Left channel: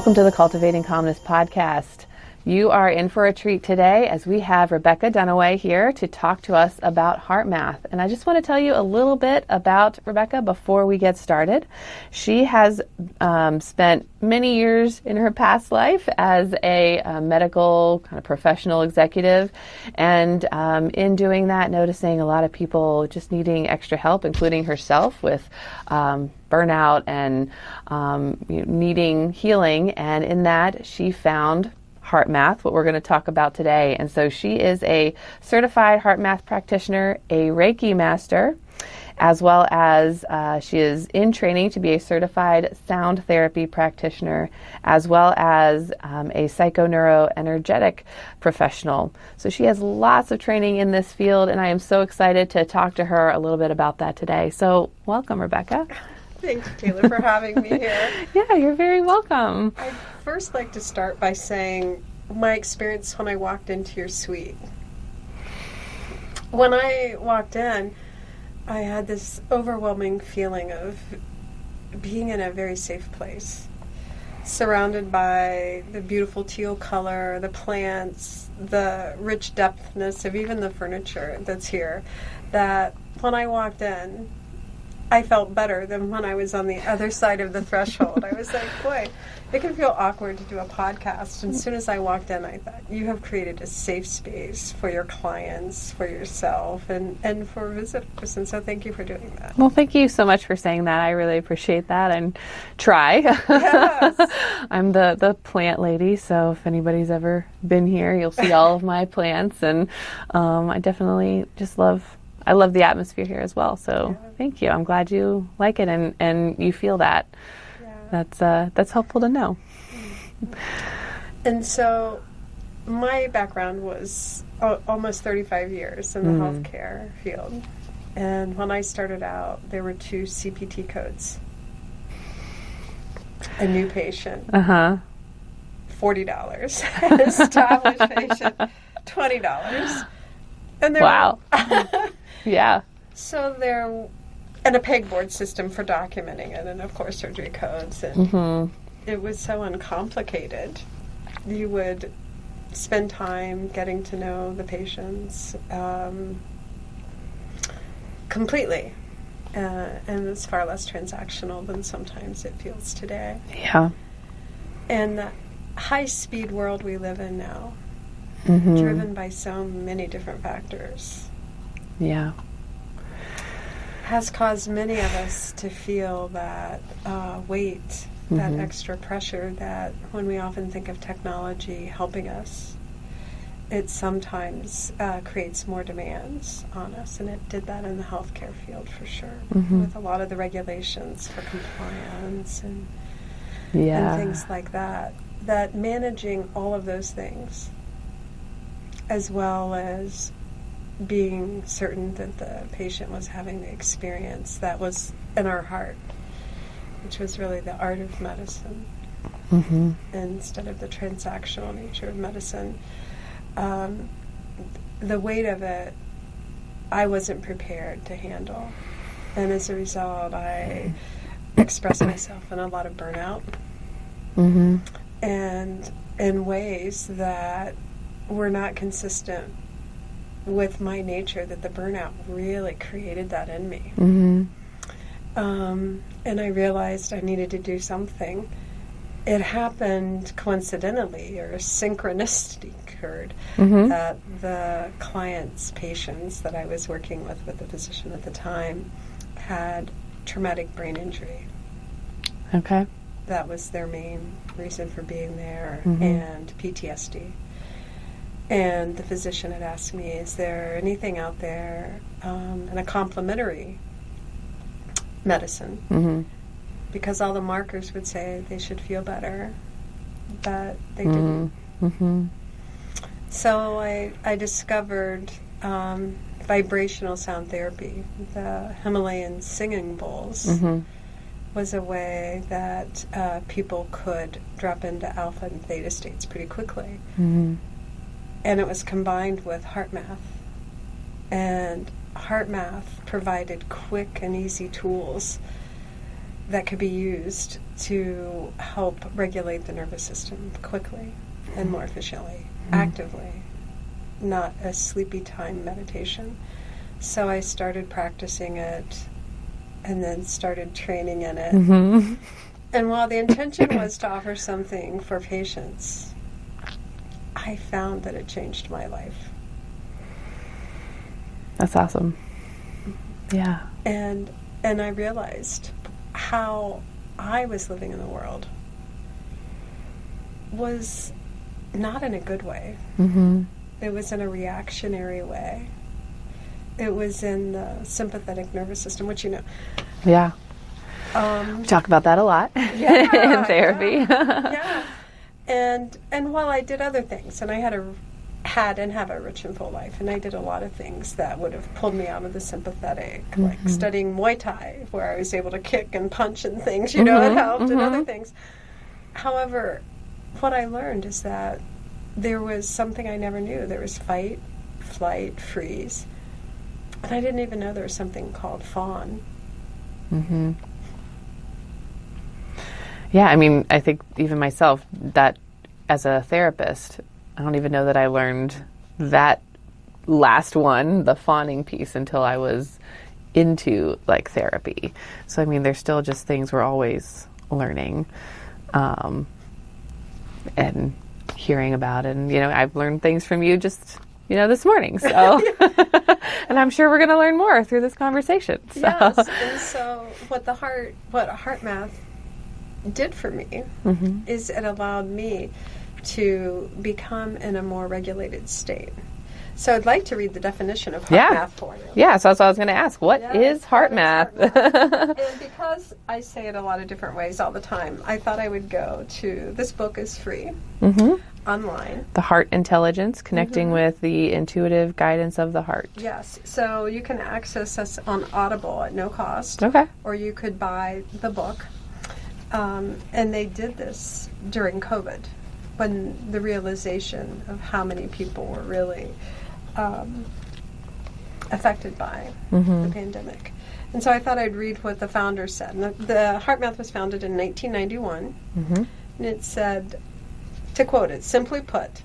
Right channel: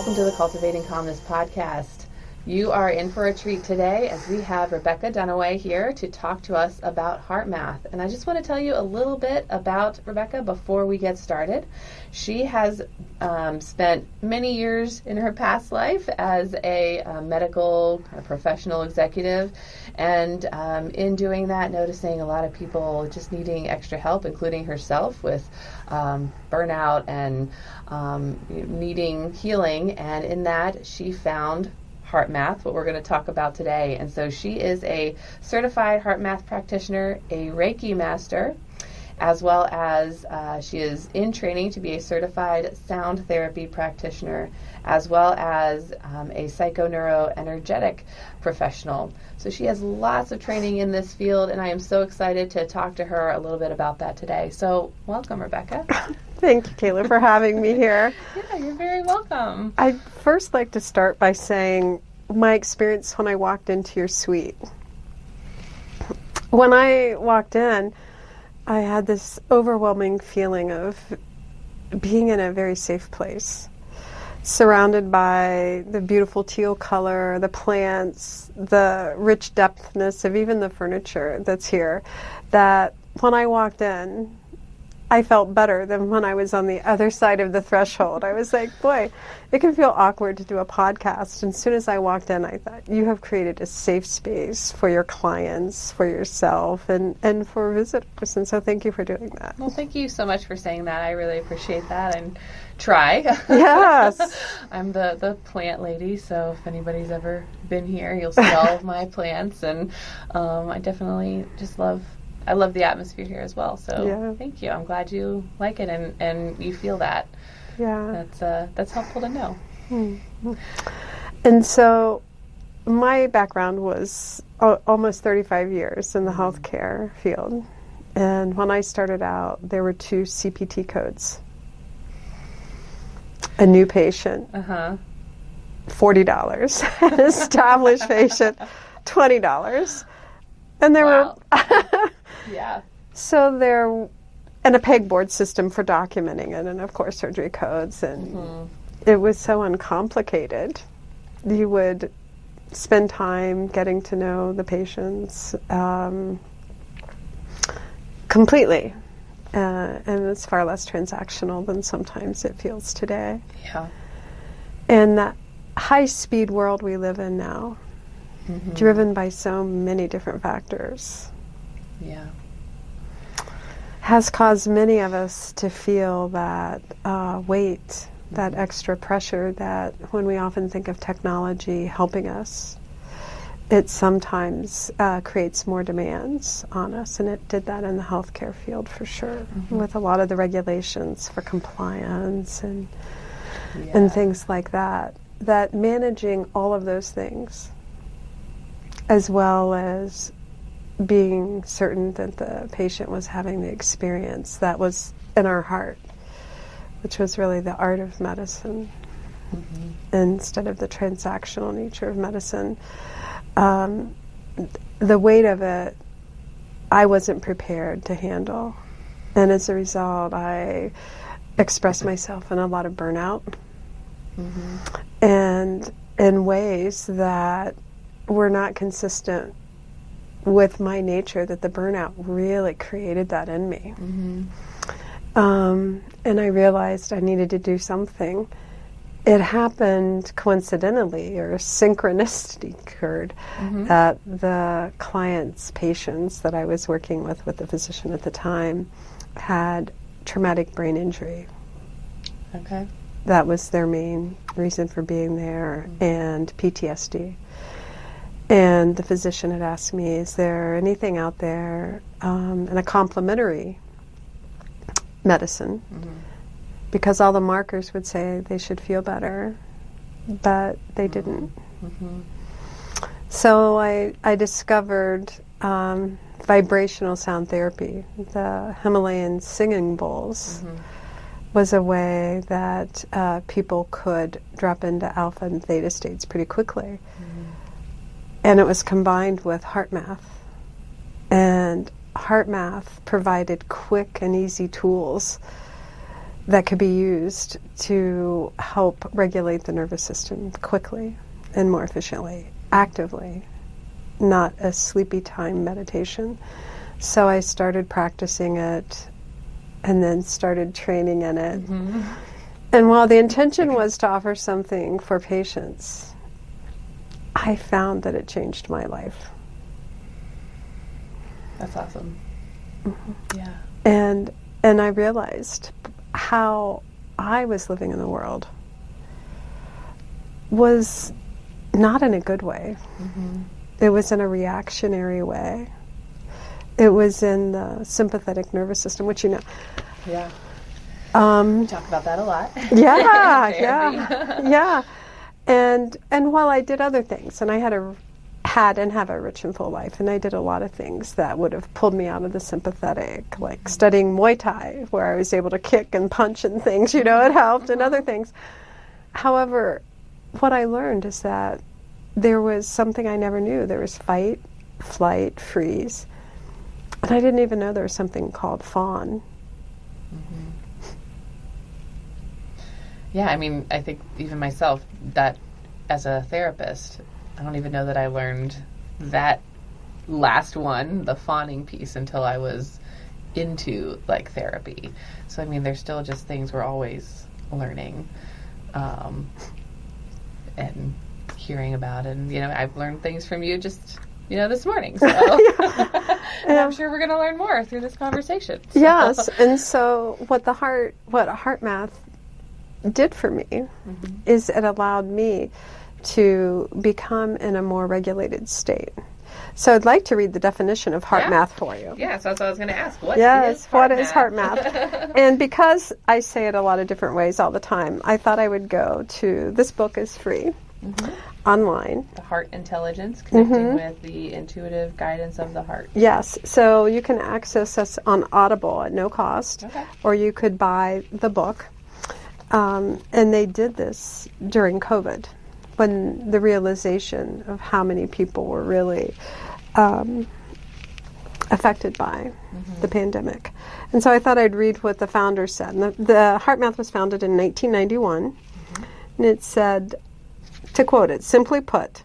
Welcome to the Cultivating Calmness Podcast. You are in for a treat today as we have Rebecca Dunaway here to talk to us about HeartMath. And I just want to tell you a little bit about Rebecca before we get started. She has spent many years in her past life as a medical kind of professional executive. And in doing that, noticing a lot of people just needing extra help, including herself with burnout and needing healing. And in that, she found HeartMath, what we're going to talk about today. And so she is a certified HeartMath practitioner, a Reiki master, as well as she is in training to be a certified sound therapy practitioner, as well as a psychoneuroenergetic professional. So she has lots of training in this field, and I am so excited to talk to her a little bit about that today. So welcome, Rebecca. Thank you, Taylor, for having me here. Yeah, you're very welcome. I'd first like to start by saying my experience when I walked into your suite. When I walked in, I had this overwhelming feeling of being in a very safe place, surrounded by the beautiful teal color, the plants, the rich depthness of even the furniture that's here, that when I walked in, I felt better than when I was on the other side of the threshold. I was like, boy, it can feel awkward to do a podcast. And as soon as I walked in, I thought, you have created a safe space for your clients, for yourself, and for visitors. And so thank you for doing that. Well, thank you so much for saying that. I really appreciate that and try. Yes. I'm the plant lady, so if anybody's ever been here, you'll see all of my plants. And I definitely just love the atmosphere here as well. So yeah. Thank you. I'm glad you like it and you feel that. Yeah. That's helpful to know. Mm-hmm. And so my background was almost 35 years in the healthcare field. And when I started out, there were 2 CPT codes. A new patient, $40. Established patient, $20. And there wow. were yeah. So and a pegboard system for documenting it, and of course surgery codes, and it was so uncomplicated. You would spend time getting to know the patients completely, and it's far less transactional than sometimes it feels today. Yeah. And that high-speed world we live in now, driven by so many different factors, has caused many of us to feel that weight, that extra pressure that when we often think of technology helping us, it sometimes creates more demands on us. And it did that in the healthcare field for sure, with a lot of the regulations for compliance and things like that. That managing all of those things, as well as being certain that the patient was having the experience that was in our heart, which was really the art of medicine, instead of the transactional nature of medicine. The weight of it, I wasn't prepared to handle. And as a result, I expressed myself in a lot of burnout, and in ways that were not consistent with my nature, that the burnout really created that in me. And I realized I needed to do something. It happened coincidentally, or synchronicity occurred, that the clients' patients that I was working with the physician at the time, had traumatic brain injury. Okay. That was their main reason for being there, and PTSD. And the physician had asked me, is there anything out there in a complementary medicine? Because all the markers would say they should feel better, but they didn't. So I discovered vibrational sound therapy. The Himalayan singing bowls was a way that people could drop into alpha and theta states pretty quickly. And it was combined with HeartMath. And HeartMath provided quick and easy tools that could be used to help regulate the nervous system quickly and more efficiently, actively, not a sleepy time meditation. So I started practicing it and then started training in it. And while the intention was to offer something for patients, I found that it changed my life. That's awesome. Yeah. And I realized how I was living in the world was not in a good way. It was in a reactionary way. It was in the sympathetic nervous system, which you know. Yeah. We talk about that a lot. Yeah. in therapy. Yeah. And while I did other things, and I had and have a rich and full life, and I did a lot of things that would have pulled me out of the sympathetic, like studying Muay Thai, where I was able to kick and punch and things, you know, it helped, and other things. However, what I learned is that there was something I never knew. There was fight, flight, freeze. And I didn't even know there was something called fawn. Yeah, I mean, I think even myself, that as a therapist, I don't even know that I learned that last one, the fawning piece, until I was into like therapy. So I mean, there's still just things we're always learning, and hearing about, and you know, I've learned things from you just, you know, this morning. So, and I'm sure we're going to learn more through this conversation. So. Yes, and so what HeartMath did for me is it allowed me to become in a more regulated state. So I'd like to read the definition of HeartMath for you. Yeah, so that's what I was going to ask. What is HeartMath? What is HeartMath? And because I say it a lot of different ways all the time, I thought I would go to, this book is free online. The Heart Intelligence, Connecting with the Intuitive Guidance of the Heart. Yes, so you can access us on Audible at no cost. Okay. Or you could buy the book. And they did this during COVID, when the realization of how many people were really affected by the pandemic. And so I thought I'd read what the founder said. And the HeartMath was founded in 1991, and it said, to quote it, simply put,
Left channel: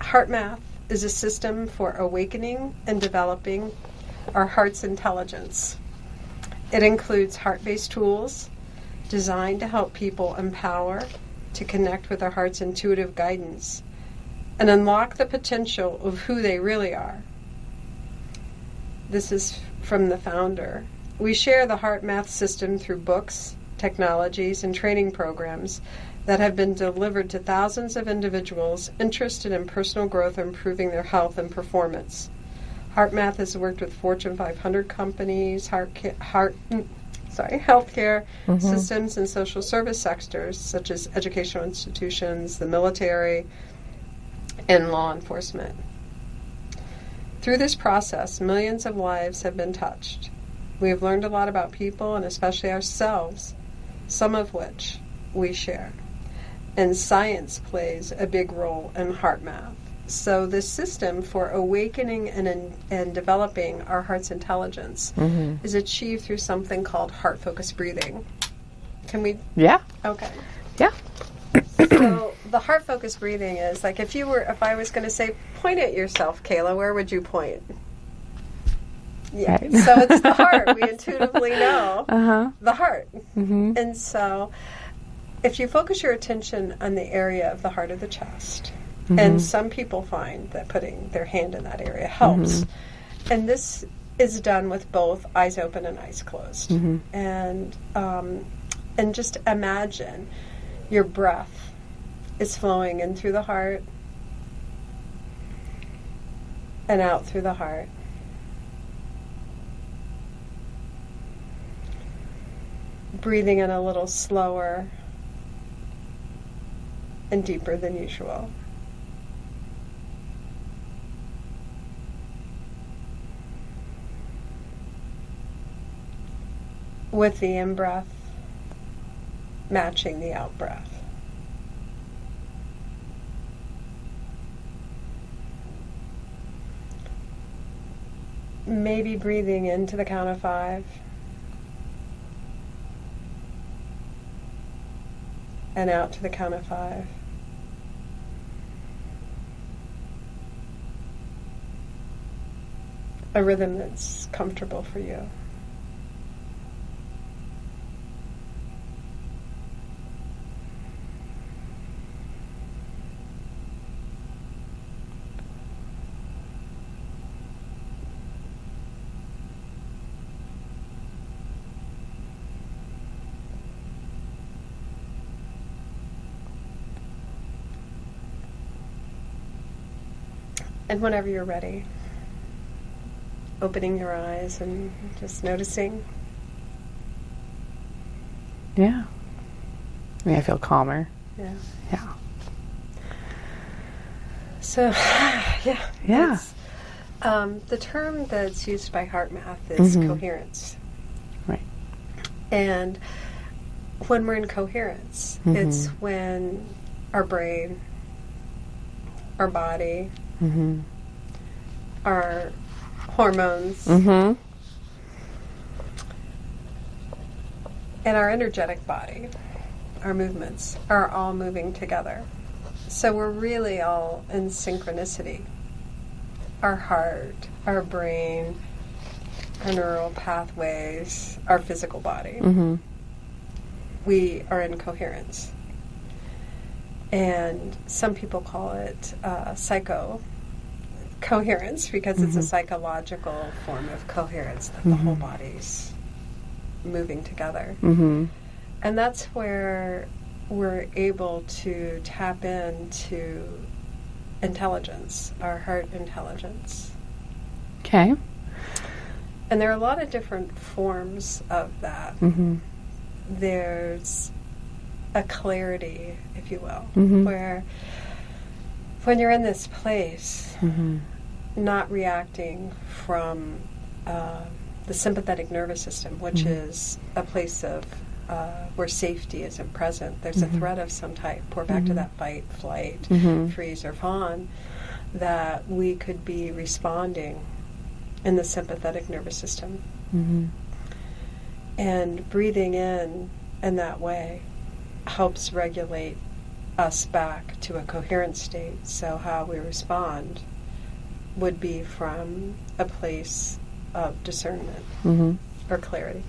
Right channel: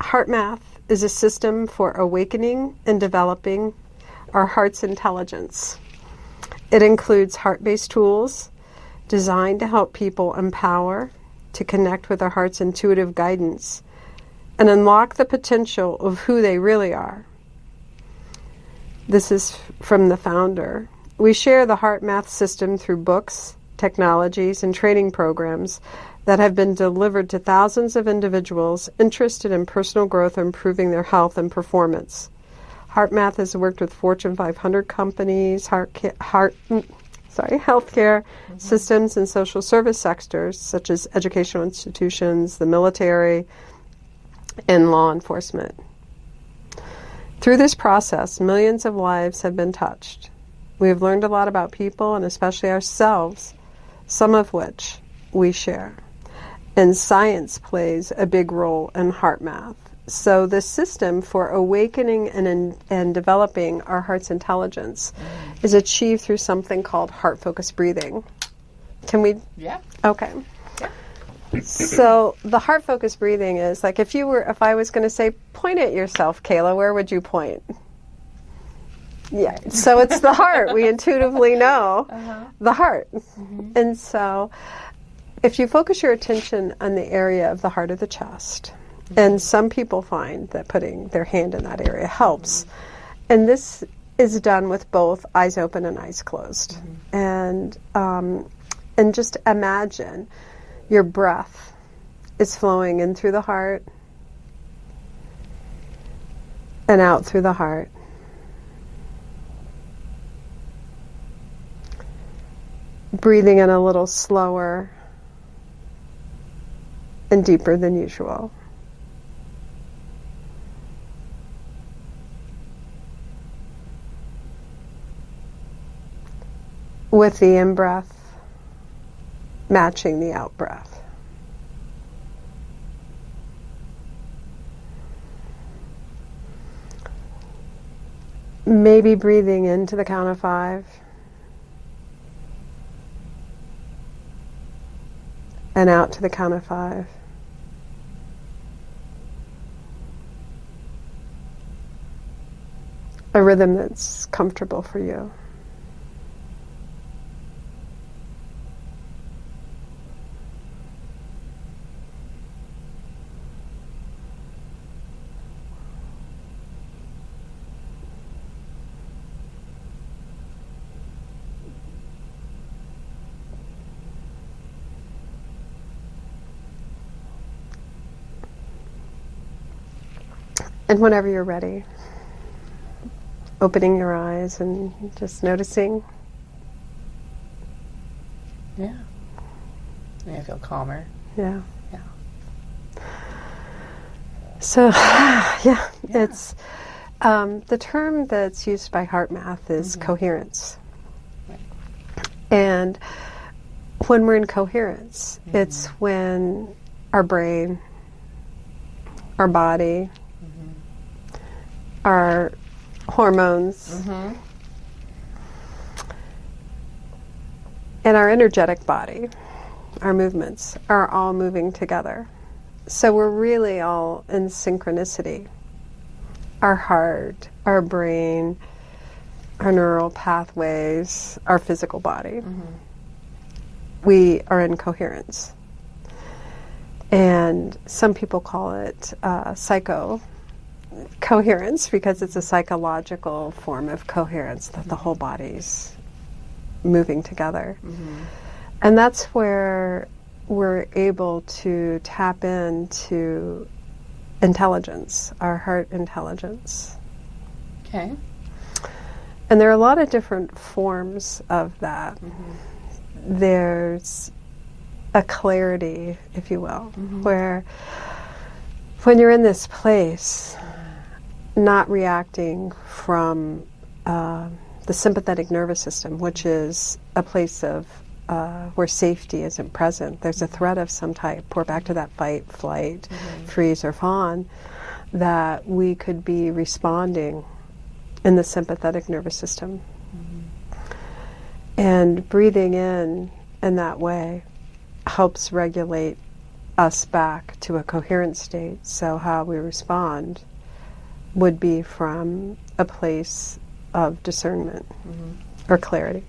HeartMath is a system for awakening and developing our heart's intelligence. It includes heart-based tools designed to help people empower, to connect with their heart's intuitive guidance, and unlock the potential of who they really are. This is from the founder. We share the HeartMath system through books, technologies, and training programs that have been delivered to thousands of individuals interested in personal growth and improving their health and performance. HeartMath has worked with Fortune 500 companies, healthcare systems and social service sectors such as educational institutions, the military, and law enforcement. Through this process, millions of lives have been touched. We have learned a lot about people and especially ourselves, some of which we share. And science plays a big role in HeartMath. So the system for awakening and developing our heart's intelligence is achieved through something called heart-focused breathing. Can we? Yeah. Okay. Yeah. So the heart-focused breathing is like if I was going to say, point at yourself, Kayla, where would you point? Yeah. Right. So it's the heart. We intuitively know the heart. And so if you focus your attention on the area of the heart of the chest, and some people find that putting their hand in that area helps. And this is done with both eyes open and eyes closed. And just imagine your breath is flowing in through the heart and out through the heart. Breathing in a little slower and deeper than usual. With the in-breath matching the out-breath. Maybe breathing into the count of 5. and out to the count of 5. A rhythm that's comfortable for you. And whenever you're ready, opening your eyes and just noticing. Yeah. I mean, I feel calmer. Yeah. Yeah. So, yeah. Yeah. It's, the term that's used by HeartMath is coherence. Right. And when we're in coherence, it's when our brain, our body, our hormones, and our energetic body, our movements, are all moving together. So we're really all in synchronicity. Our heart, our brain, our neural pathways, our physical body. We are in coherence. And some people call it psycho-coherence because it's a psychological form of coherence that the whole body's moving together. And that's where we're able to tap into intelligence, our heart intelligence. Okay. And there are a lot of different forms of that. There's a clarity, if you will, where when you're in this place, not reacting from the sympathetic nervous system, which is a place of where safety isn't present. There's a threat of some type. We're back to that fight, flight, freeze, or fawn, that we could be responding in the sympathetic nervous system. And breathing in that way helps regulate us back to a coherent state. So how we respond would be from a place of discernment or clarity.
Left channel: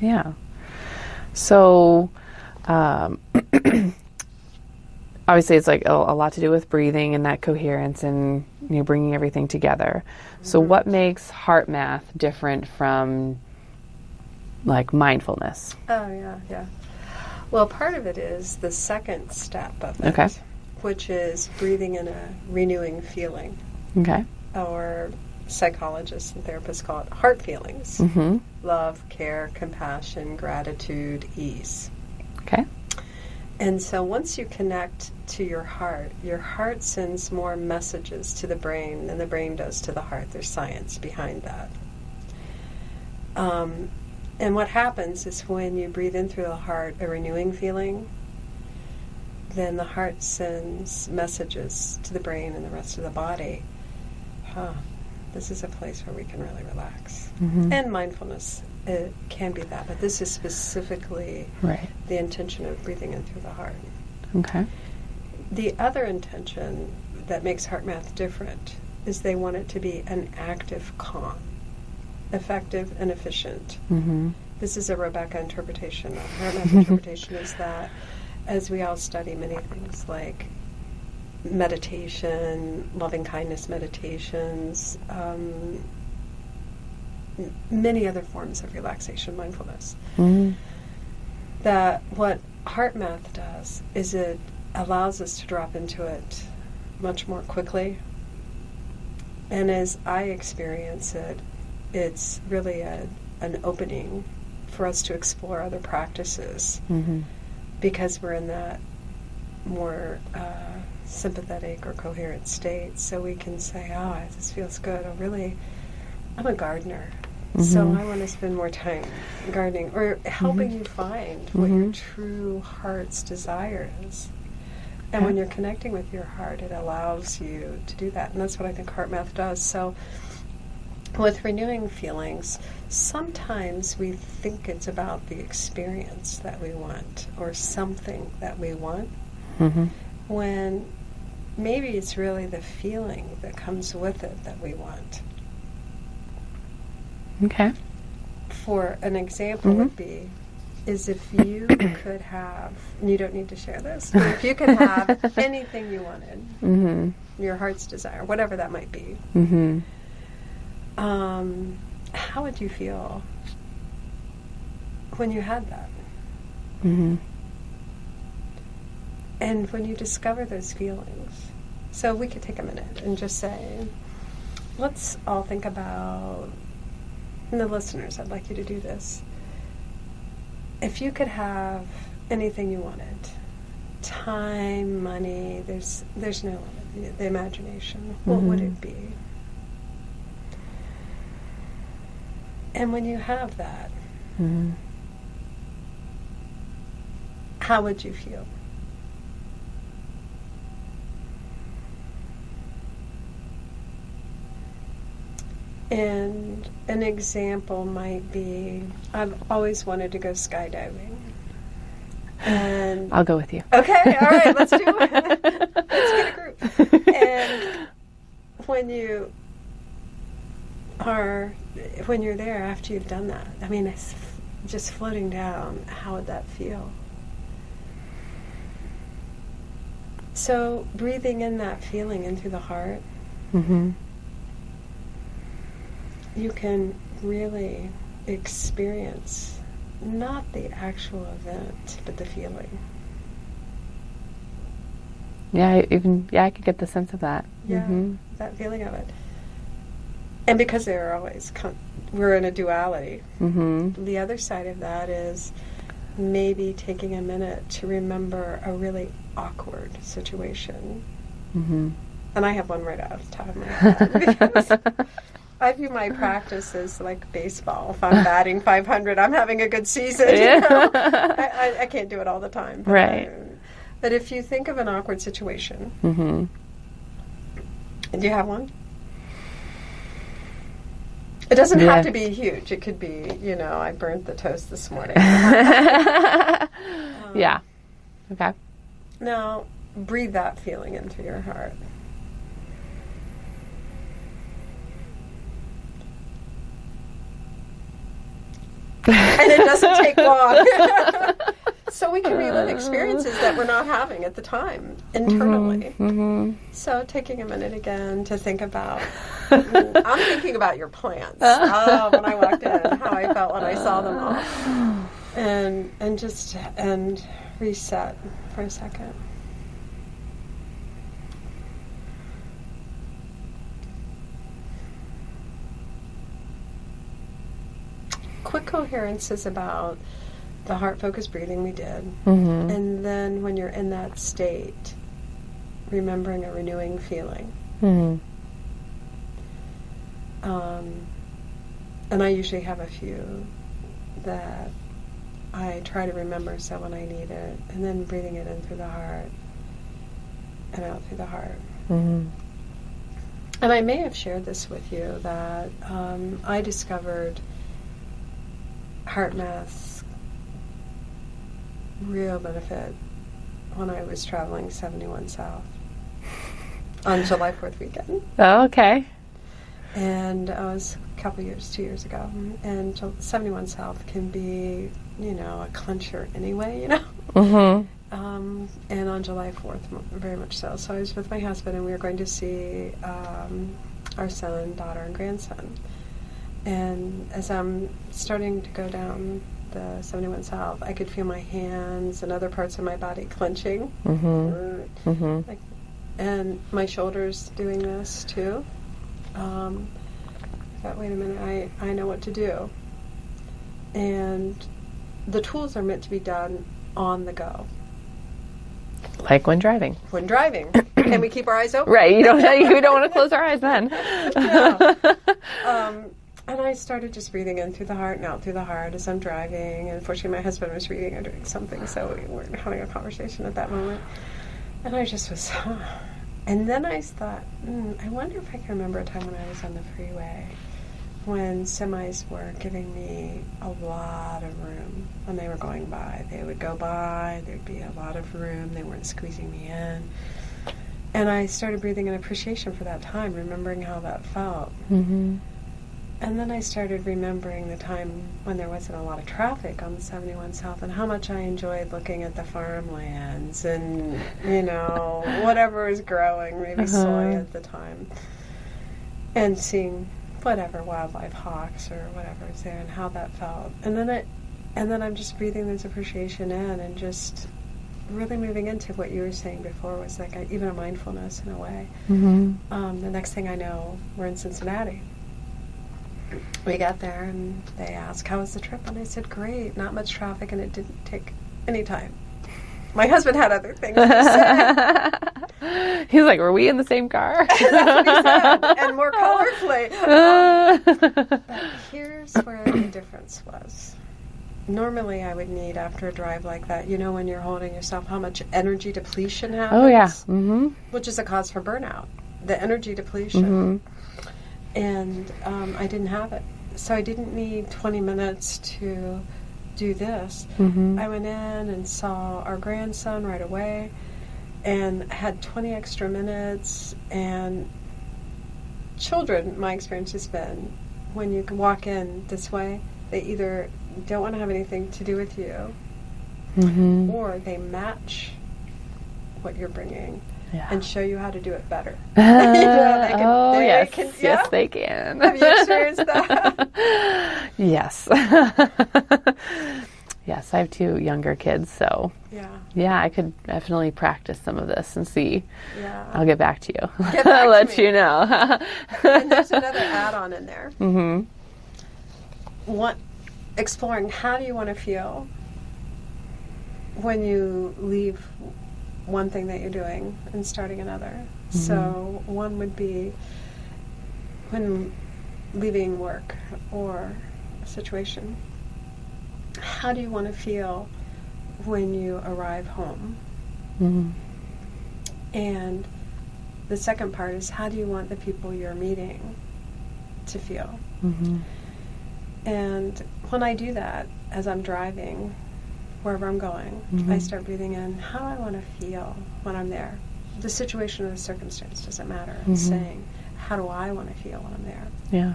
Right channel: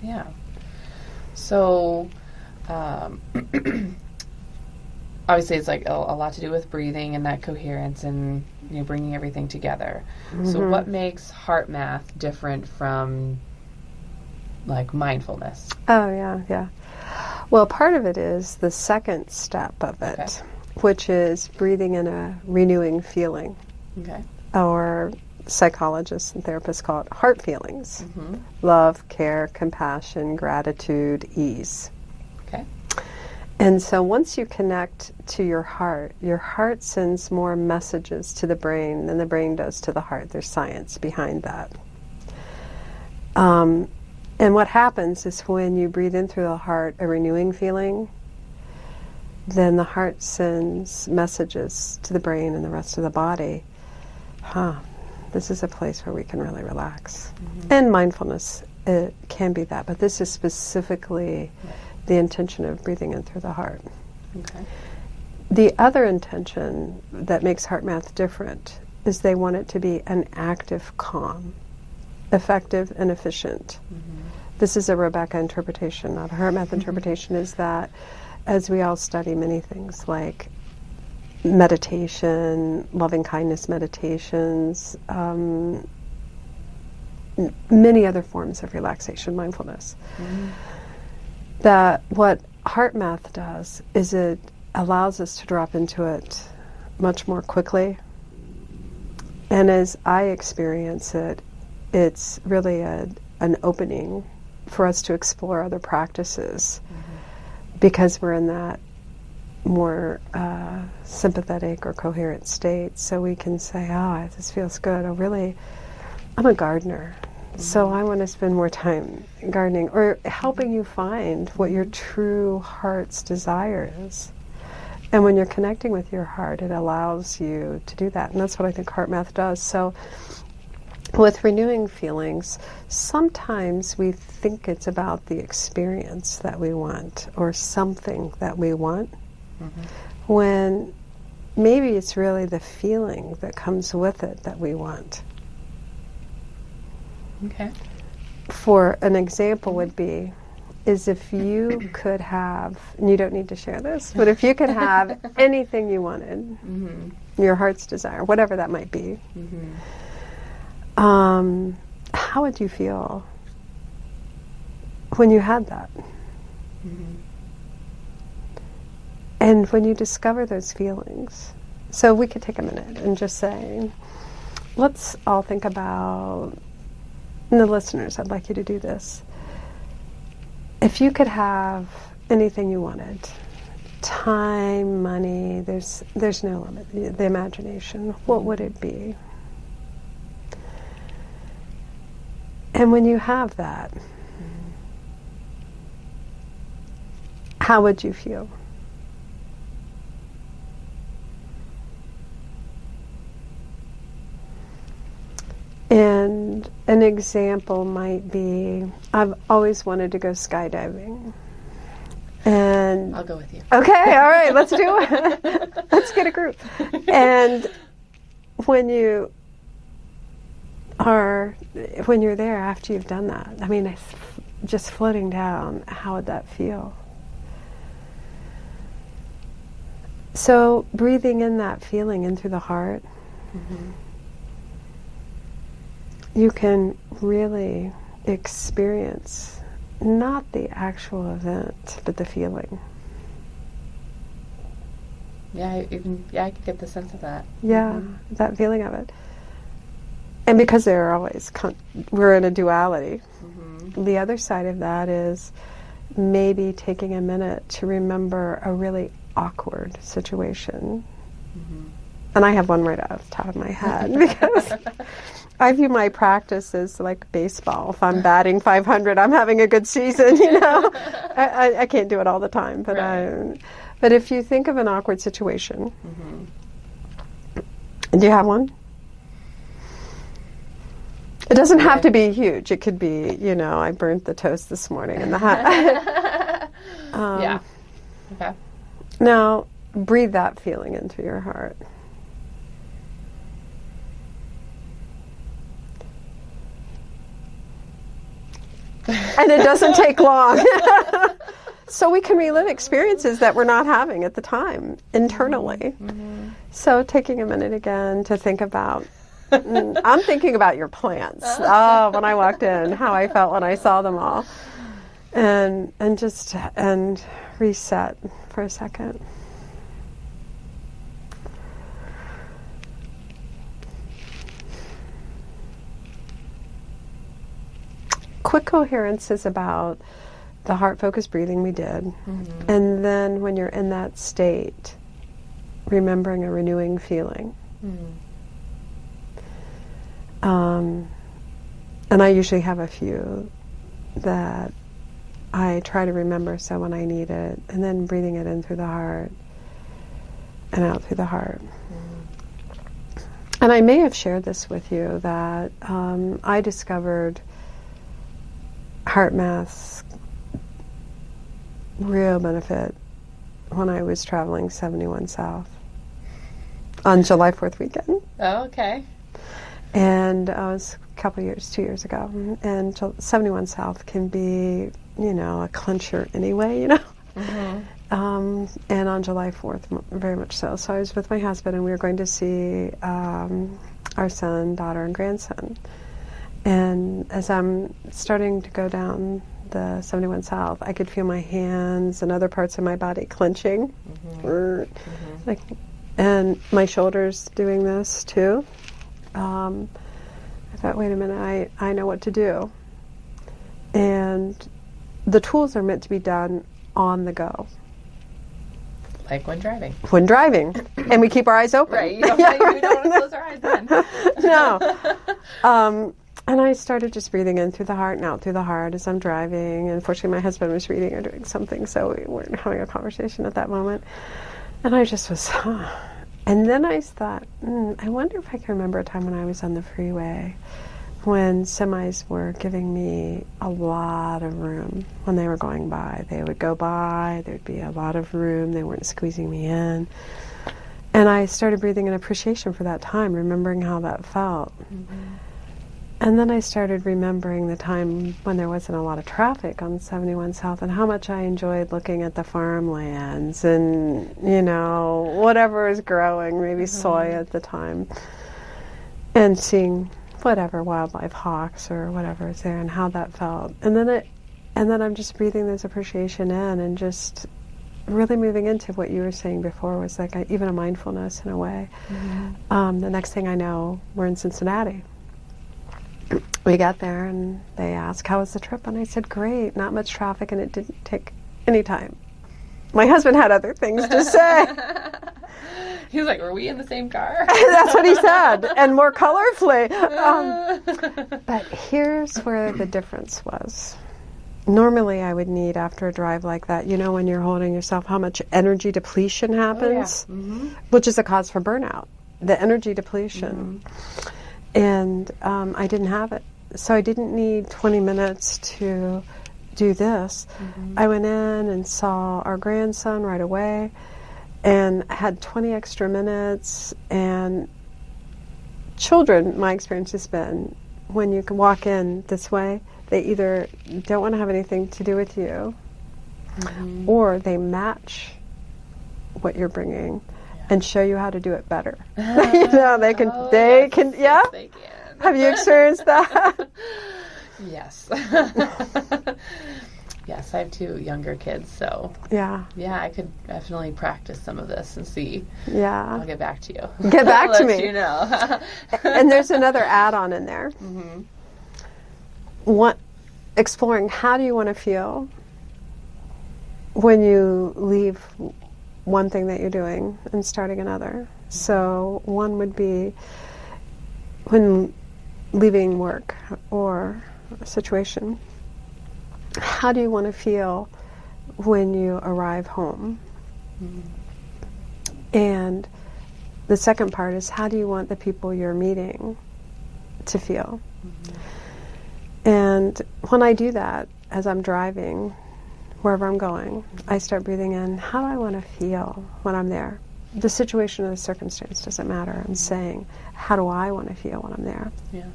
Yeah. So obviously it's like a lot to do with breathing and that coherence and bringing everything together. So what makes HeartMath different from like mindfulness? Oh, yeah. Well, part of it is the second step of it, which is breathing in a renewing feeling. Okay. Or psychologists and therapists call it heart feelings. Love, care, compassion, gratitude, ease. Okay. And so once you connect to your heart sends more messages to the brain than the brain does to the heart. There's science behind that. And what happens is when you breathe in through the heart, a renewing feeling, then the heart sends messages to the brain and the rest of the body. This is a place where we can really relax. And mindfulness, it can be that, but this is specifically the intention of breathing in through the heart. Okay. The other intention that makes HeartMath different is they want it to be an active calm, effective and efficient. This is a Rebecca interpretation. Now, the HeartMath interpretation is that as we all study many things like meditation, loving kindness meditations, many other forms of relaxation, mindfulness, that what HeartMath does is it allows us to drop into it much more quickly. And as I experience it, it's really an opening for us to explore other practices because we're in that more sympathetic or coherent state. So we can say, this feels good. I'm a gardener. So I want to spend more time gardening or helping you find what your true heart's desire is. And when you're connecting with your heart, it allows you to do that. And that's what I think HeartMath does. So with renewing feelings, sometimes we think it's about the experience that we want or something that we want, when maybe it's really the feeling that comes with it that we want. Okay. For an example would be, is if you could have, and you don't need to share this, but if you could have anything you wanted, your heart's desire, whatever that might be, how would you feel when you had that? And when you discover those feelings, so we could take a minute and just say, let's all think about, and the listeners, I'd like you to do this. If you could have anything you wanted, time, money, there's no limit, the imagination, what would it be? And when you have that, how would you feel? And an example might be, I've always wanted to go skydiving. And I'll go with you. Okay, all right, let's do it. Let's get a group. And when you're there after you've done that, I mean, it's just floating down, how would that feel? So breathing in that feeling in through the heart, you can really experience not the actual event, but the feeling. Yeah, I could get the sense of that. Yeah, that feeling of it. And because they're always, we're in a duality. The other side of that is maybe taking a minute to remember a really awkward situation. And I have one right off the top of my head because I view my practice as like baseball. If I'm batting 500, I'm having a good season. You know? I can't do it all the time. But, Right. But if you think of an awkward situation, do you have one? It doesn't have to be huge. It could be, I burnt the toast this morning. Yeah. Okay. Now, breathe that feeling into your heart. And it doesn't take long. So we can relive experiences that we're not having at the time internally. So taking a minute again to think about, I'm thinking about your plants. When I walked in, how I felt when I saw them all. And reset for a second. Quick coherence is about the heart-focused breathing we did. And then when you're in that state, remembering a renewing feeling. And I usually have a few that I try to remember so when I need it, and then breathing it in through the heart and out through the heart. And I may have shared this with you that I discovered HeartMath's real benefit when I was traveling 71 South on July 4th weekend. Oh, okay. And I was a couple years, 2 years ago. And 71 South can be, a clincher anyway, And on July 4th, very much so. So I was with my husband, and we were going to see our son, daughter, and grandson. And as I'm starting to go down the 71 South, I could feel my hands and other parts of my body clenching. And my shoulders doing this too. I thought, wait a minute, I know what to do. And the tools are meant to be done on the go. Like when driving. When driving. And we keep our eyes open. Right. We don't want to close our eyes then. No. And I started just breathing in through the heart and out through the heart as I'm driving. And unfortunately, my husband was reading or doing something, so we weren't having a conversation at that moment. And I just was, And then I thought, I wonder if I can remember a time when I was on the freeway when semis were giving me a lot of room when they were going by. They would go by, there'd be a lot of room, they weren't squeezing me in. And I started breathing in appreciation for that time, remembering how that felt. Mm-hmm. And then I started remembering the time when there wasn't a lot of traffic on 71 South and how much I enjoyed looking at the farmlands and, you know, whatever was growing, maybe soy at the time, and seeing whatever wildlife, hawks or whatever is there, and how that felt. And then I'm just breathing this appreciation in and just really moving into what you were saying before was like even a mindfulness in a way. Mm-hmm. The next thing I know, we're in Cincinnati. We got there and they asked, how was the trip? And I said, great, not much traffic, and it didn't take any time. My husband had other things to say. He's like, were we in the same car? That's what he said, and more colorfully. But here's where the difference was. Normally I would need, after a drive like that, you know, when you're holding yourself, how much energy depletion happens? Oh, yeah. Mm-hmm. Which is a cause for burnout, the energy depletion. Mm-hmm. And I didn't have it. So I didn't need 20 minutes to do this. Mm-hmm. I went in and saw our grandson right away and had 20 extra minutes. And children, my experience has been, when you can walk in this way, they either don't want to have anything to do with you, mm-hmm. or they match what you're bringing. Yeah. And show you how to do it better. You know, they can. Oh, they yes. can. Yeah, yes, they can. Have you experienced that? Yes. Yes, I have 2 younger kids, so yeah, I could definitely practice some of this and see. Yeah, I'll get back to you. Get back I'll to let me. you know. And there's another add-on in there. Mm-hmm. Exploring how do you want to feel when you leave one thing that you're doing and starting another. Mm-hmm. So one would be when leaving work or a situation, how do you want to feel when you arrive home? Mm-hmm. And the second part is, how do you want the people you're meeting to feel? Mm-hmm. And when I do that, as I'm driving, wherever I'm going, mm-hmm. I start breathing in, how do I want to feel when I'm there? The situation or the circumstance doesn't matter. I'm mm-hmm. saying, how do I want to feel when I'm there? Yeah.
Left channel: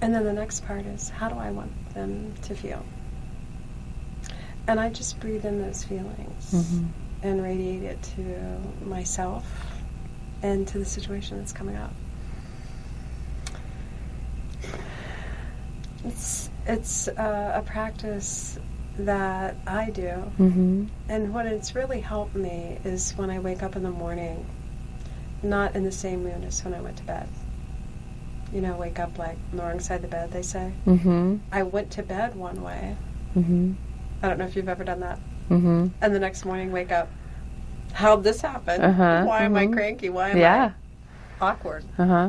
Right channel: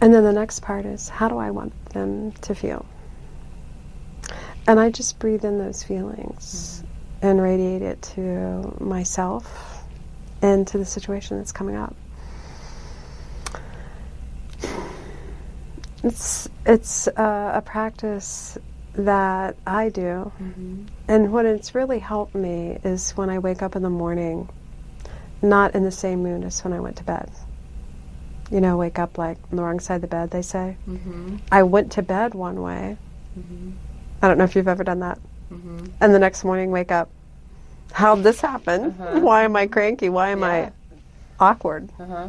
And then the next part is, how do I want them to feel? And I just breathe in those feelings mm-hmm. and radiate it to myself and to the situation that's coming up. It's a practice that I do, mm-hmm. and what it's really helped me is when I wake up in the morning, not in the same mood as when I went to bed. You know, wake up like on the wrong side of the bed, they say. Mm-hmm. I went to bed one way. Mm-hmm. I don't know if you've ever done that. Mm-hmm. And the next morning wake up, how'd this happen? Uh-huh. Why am I cranky? Why am I awkward? Uh-huh.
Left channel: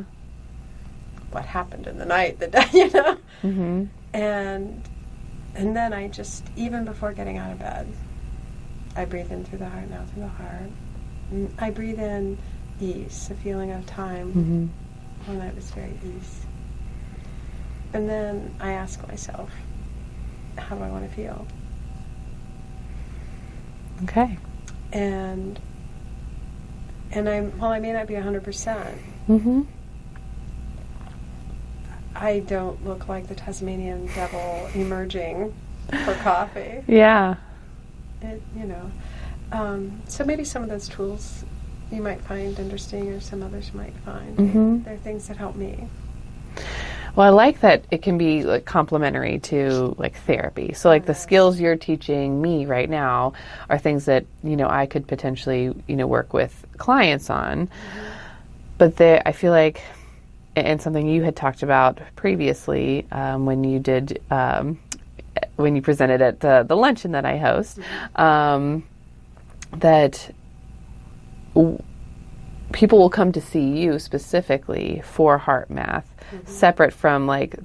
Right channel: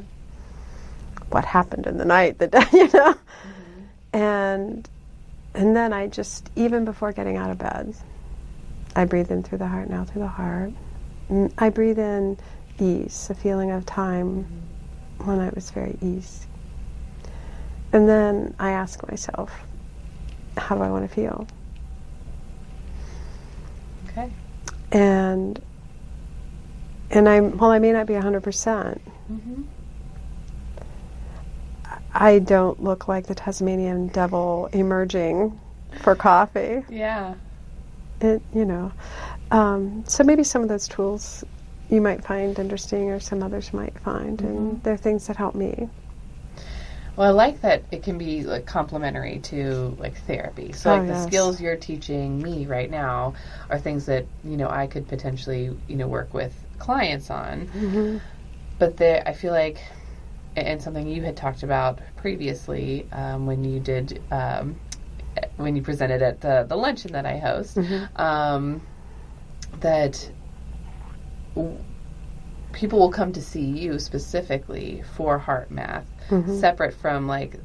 What happened in the night, you know? Mm-hmm. And then I just, even before getting out of bed, I breathe in through the heart, now through the heart. And I breathe in ease, a feeling of time mm-hmm. when I was very ease. And then I ask myself, how do I want to feel? Okay. And while I may not be 100%, mm-hmm. I don't look like the Tasmanian devil emerging for coffee. Yeah. You know. So maybe some of those tools you might find interesting, or some others might find. Mm-hmm. They're things that help me. Well, I like that it can be like complementary to like therapy. So like the skills you're teaching me right now are things that, you know, I could potentially, you know, work with clients on. Mm-hmm. But I feel like, and something you had talked about previously when you did, when you presented at the luncheon that I host, mm-hmm. That people will come to see you specifically for HeartMath, mm-hmm. separate from like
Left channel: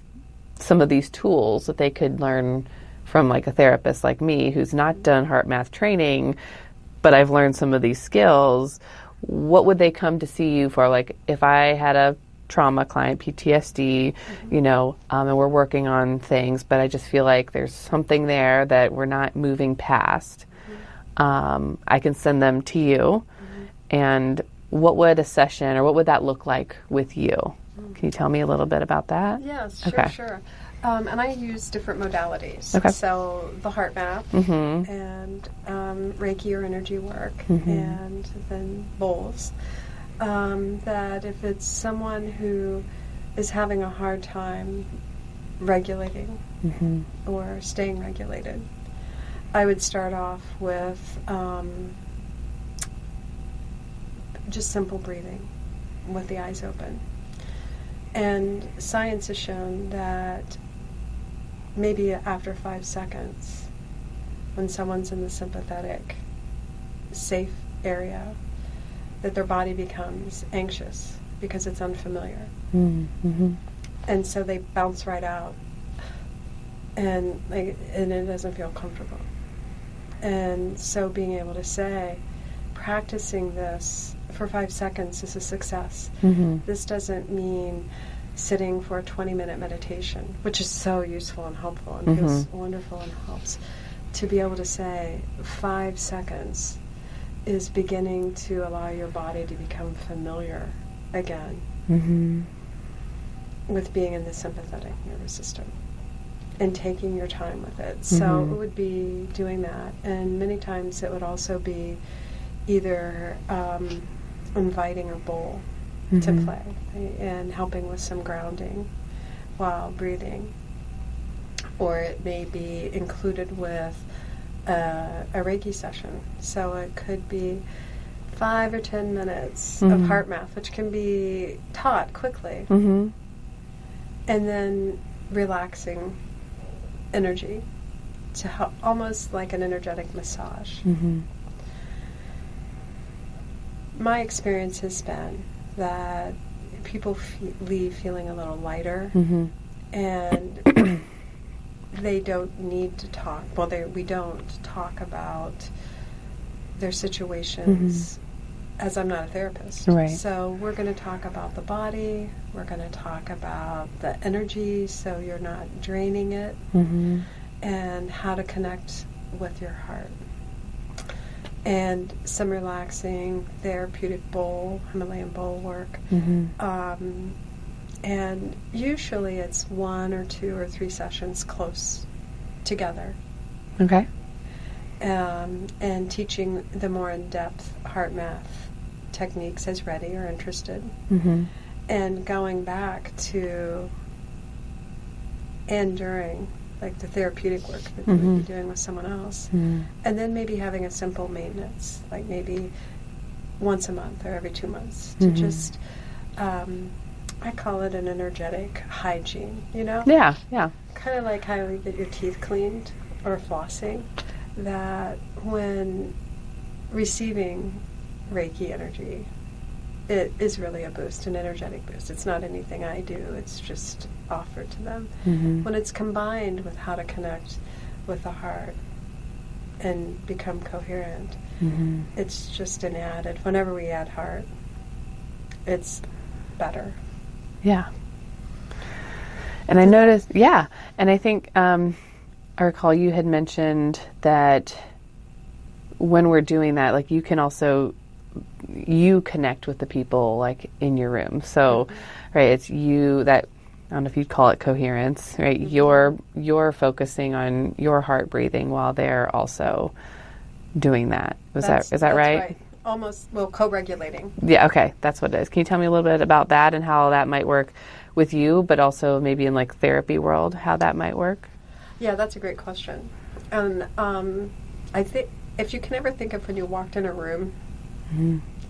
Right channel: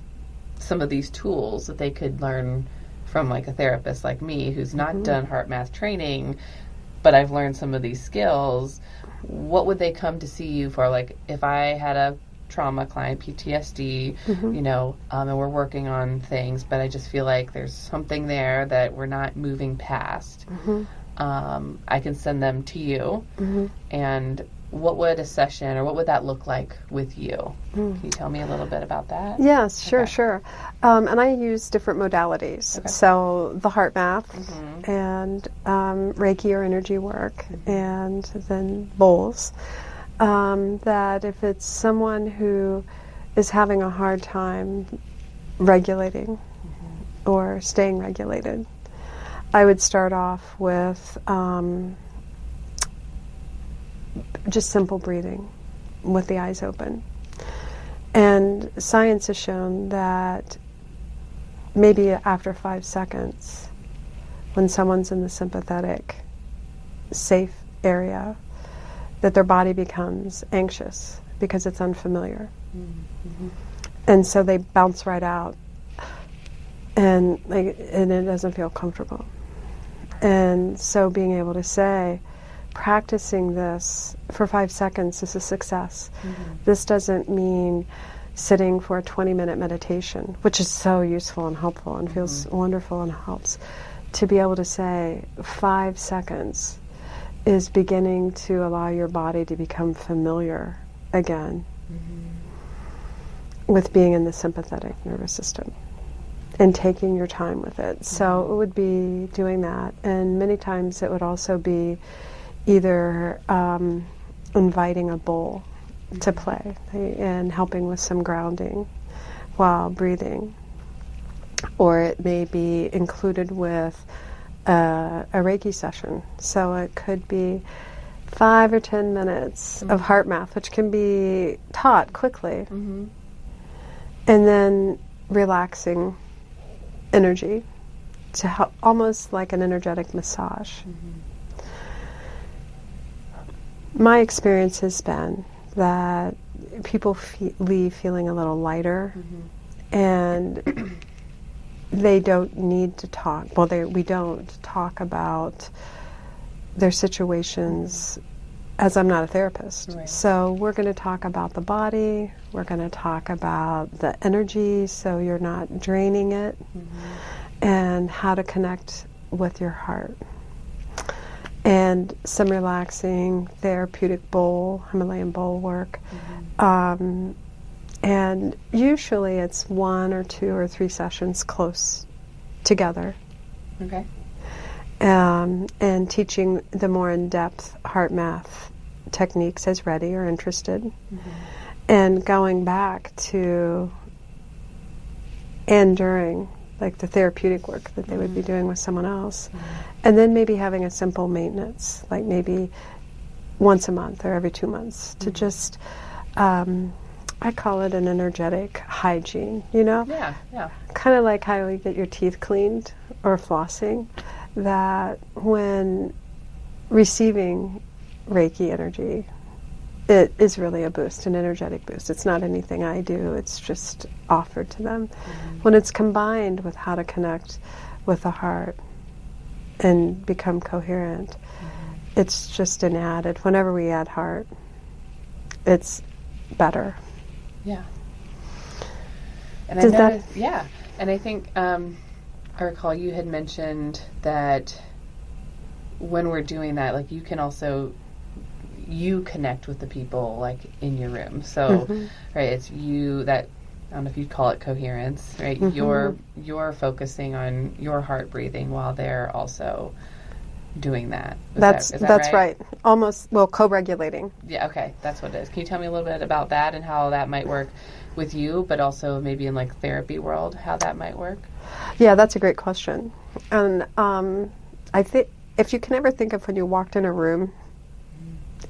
some of these tools that they could learn from like a therapist like me who's not mm-hmm. done HeartMath training, but I've learned some of these skills. What would they come to see you for? Like if I had a trauma client, PTSD, you know, and we're working on things, but I just feel like there's something there that we're not moving past. I can send them to you. And what would a session, or what would that look like with you? Can you tell me a little bit about that? Yes, sure, Okay. sure. And I use different modalities. Okay. So the HeartMath and Reiki or energy work, and then bowls. That if it's someone who is having a hard time regulating or staying regulated, I would start off with just simple breathing with the eyes open. And science has shown that maybe after 5 seconds, when someone's in the sympathetic, safe area, that their body becomes anxious because it's unfamiliar. And so they bounce right out, and it doesn't feel comfortable. And so being able to say, practicing this for 5 seconds is a success. This doesn't mean sitting for a 20-minute meditation, which is so useful and helpful and feels wonderful and helps. To be able to say 5 seconds is beginning to allow your body to become familiar again with being in the sympathetic nervous system and taking your time with it. So it would be doing that. And many times it would also be either inviting a bowl to play and helping with some grounding while breathing. Or it may be included with a Reiki session. So it could be 5 or 10 minutes of HeartMath, which can be taught quickly. And then relaxing energy to help, almost like an energetic massage. My experience has been that people leave feeling a little lighter, and they don't need to talk. Well, we don't talk about their situations, as I'm not a therapist. Right. So we're going to talk about the body, we're going to talk about the energy so you're not draining it, and how to connect with your heart. And some relaxing therapeutic bowl, Himalayan bowl work. And usually it's 1 or 2 or 3 sessions close together. Okay. And teaching the more in-depth HeartMath techniques as ready or interested. And going back to and during, like the therapeutic work that they would be doing with someone else. And then maybe having a simple maintenance, like maybe once a month or every 2 months to just, I call it an energetic hygiene, you know? Yeah, yeah. Kind of like how you get your teeth cleaned or flossing, that when receiving Reiki energy, it is really a boost, an energetic boost. It's not anything I do, it's just offered to them. When it's combined with how to connect with the heart and become coherent, it's just an added, whenever we add heart, it's better. Yeah. And I Does noticed, yeah. And I think, I recall you had mentioned that when we're doing that, like you can also, you connect with the people like in your room. So, right, it's you that, I don't know if you'd call it coherence, right? You're focusing on your heart breathing while they're also doing that. Is that right? That's right. Almost, well, co-regulating. Yeah, okay. That's what it is. Can you tell me a little bit about that and how that might work with you, but also maybe in like therapy world, how that might work? Yeah, that's a great question. And I think if you can ever think of when you walked in a room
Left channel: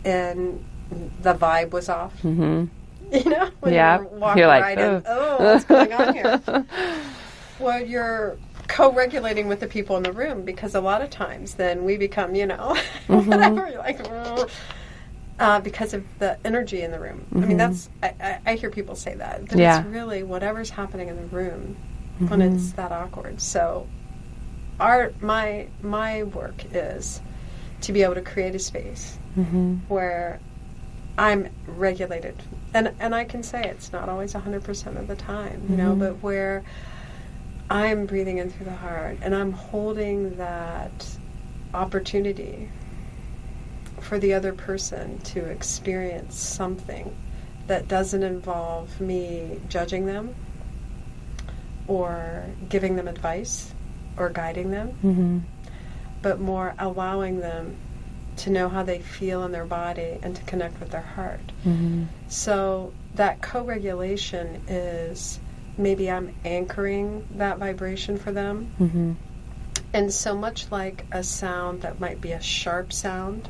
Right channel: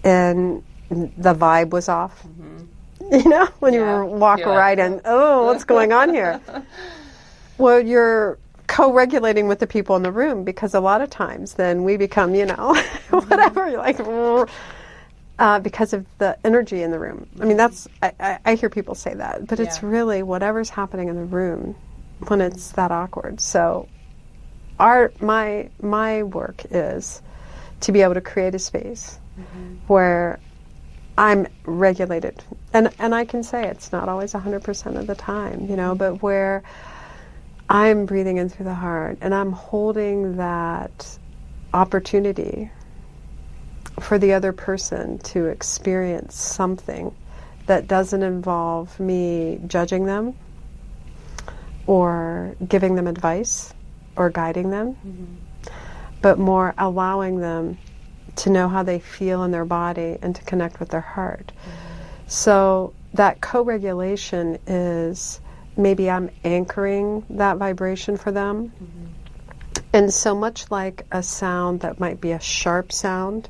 and the vibe was off, you know, when you walk right in, what's going on here? Well, you're co-regulating with the people in the room, because a lot of times then we become, you know, whatever, you're like, because of the energy in the room. I mean, that's, I hear people say that, but it's really whatever's happening in the room when it's that awkward. So my work is to be able to create a space where I'm regulated. And I can say it's not always 100% of the time, you know, but where I'm breathing in through the heart and I'm holding that opportunity for the other person to experience something that doesn't involve me judging them or giving them advice or guiding them, but more allowing them to know how they feel in their body and to connect with their heart. So that co-regulation is maybe I'm anchoring that vibration for them. And so much like a sound that might be a sharp sound,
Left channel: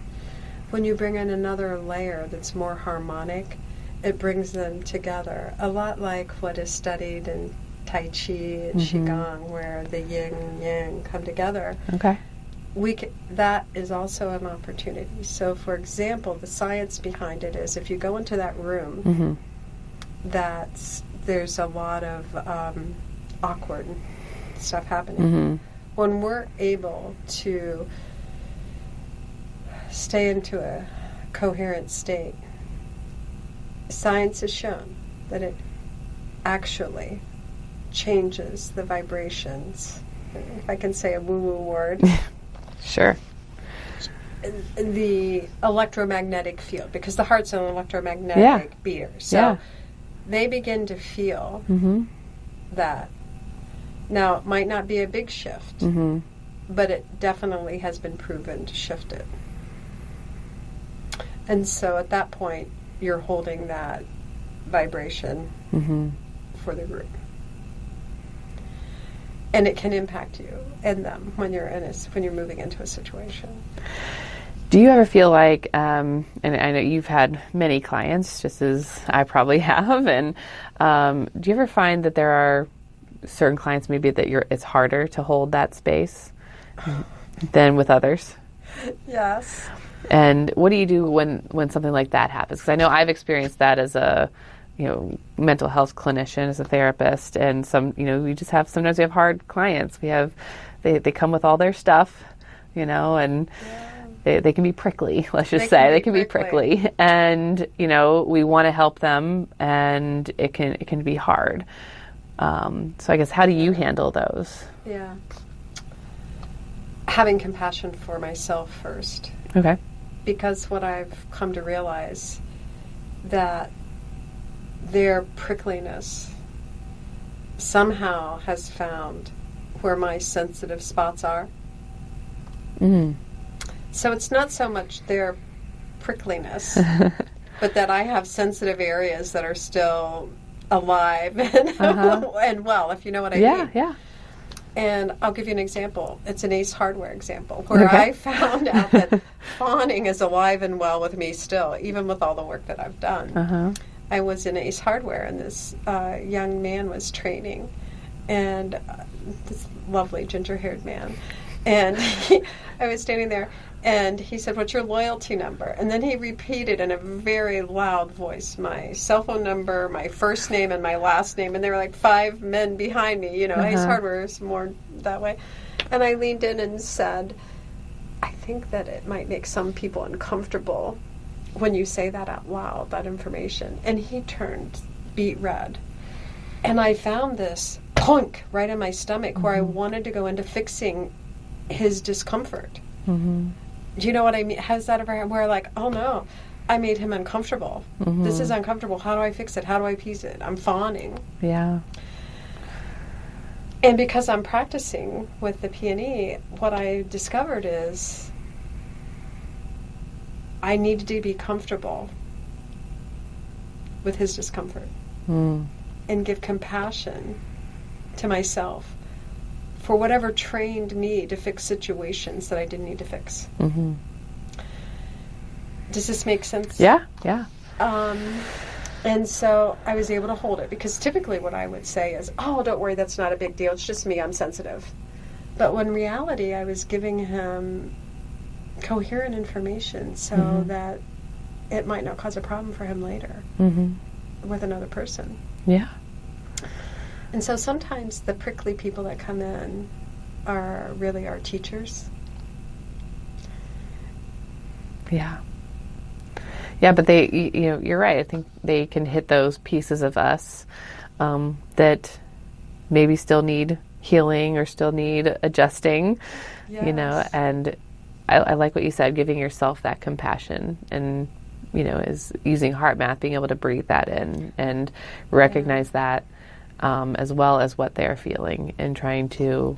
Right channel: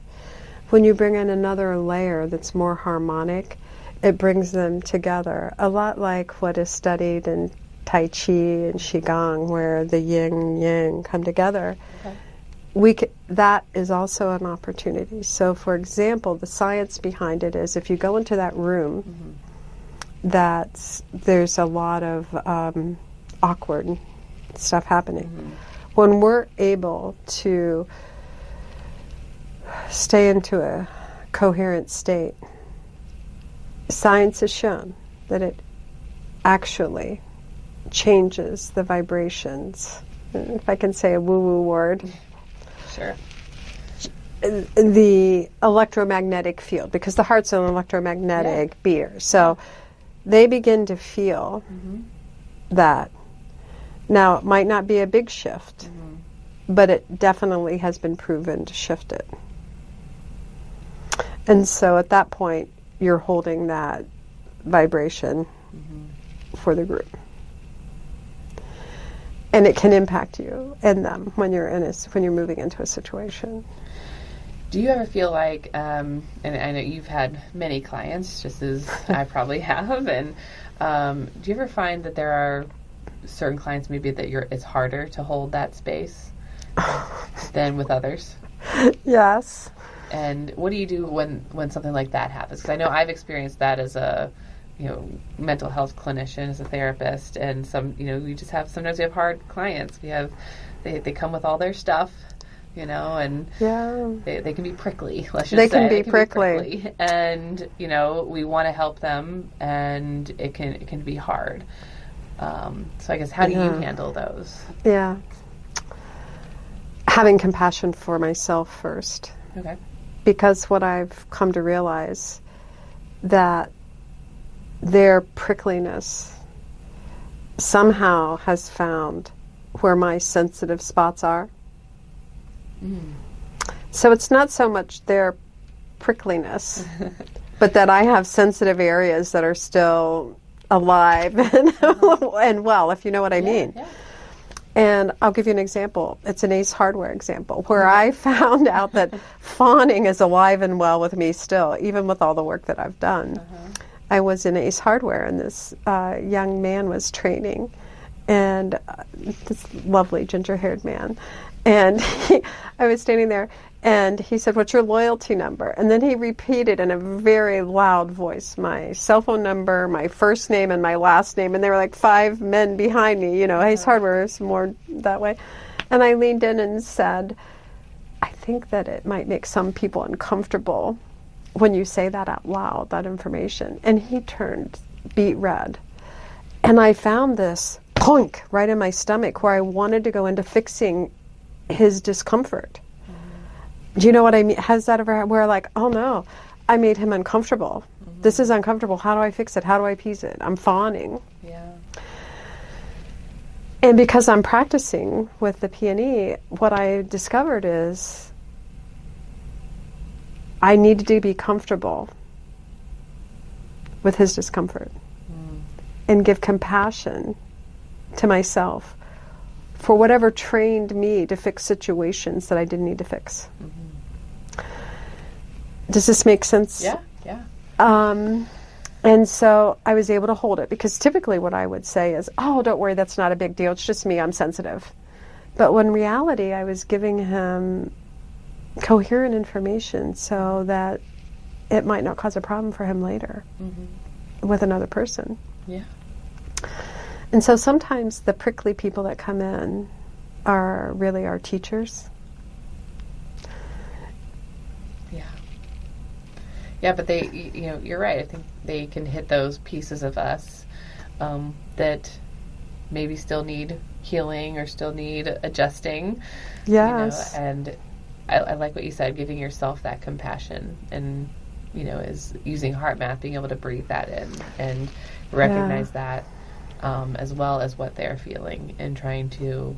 when you bring in another layer that's more harmonic, it brings them together. A lot like what is studied in Tai Chi and Qigong, where the yin and yang come together. Okay. That is also an opportunity. So, for example, the science behind it is if you go into that room, there's a lot of awkward stuff happening. When we're able to stay into a coherent state, science has shown that it actually changes the vibrations. If I can say a woo-woo word. Sure. The electromagnetic field, because the heart's an electromagnetic beater. So they begin to feel that. Now, it might not be a big shift, but it definitely has been proven to shift it. And so at that point, you're holding that vibration for the group. And it can impact you and them when you're when you're moving into a situation. Do you ever feel like, and I know you've had many clients, just as I probably have, and do you ever find that there are certain clients maybe that it's harder to hold that space than with others? Yes. And what do you do when something like that happens? Because I know I've experienced that as a mental health clinician, as a therapist, and sometimes we have hard clients. They come with all their stuff, and they can be prickly, let's just say. They can be prickly. And, we want to help them, and it can be hard. So I guess, how do you handle those? Yeah. Having compassion for myself first. Okay. Because what I've come to realize that their prickliness somehow has found where my sensitive spots are. So it's not so much their prickliness, but that I have sensitive areas that are still alive and well, if you know what I mean. Yeah. And I'll give you an example. It's an Ace Hardware example where I found out that fawning is alive and well with me still, even with all the work that I've done. I was in Ace Hardware, and this young man was training, and this lovely ginger-haired man. And I was standing there, and he said, "What's your loyalty number?" And then he repeated in a very loud voice my cell phone number, my first name, and my last name. And there were like 5 men behind me. Ace Hardware is more that way. And I leaned in and said, "I think that it might make some people uncomfortable when you say that out loud, that information." And he turned beet red. And I found this punk right in my stomach where I wanted to go into fixing his discomfort. Do you know what I mean? Has that ever where like, oh no, I made him uncomfortable. This is uncomfortable. How do I fix it? How do I appease it? I'm fawning. Yeah. And because I'm practicing with the PNE, what I discovered is I needed to be comfortable with his discomfort and give compassion to myself for whatever trained me to fix situations that I didn't need to fix. Does this make sense? Yeah. And so I was able to hold it, because typically what I would say is, "Oh, don't worry, that's not a big deal. It's just me. I'm sensitive." But when in reality, I was giving him coherent information so that it might not cause a problem for him later with another person. Yeah. And so sometimes the prickly people that come in are really our teachers. Yeah. Yeah, but you're right. I think they can hit those pieces of us that maybe still need healing or still need adjusting. Yes. And I like what you said, giving yourself that compassion, and is using HeartMath, being able to breathe that in and recognize that, as well as what they're feeling, and trying to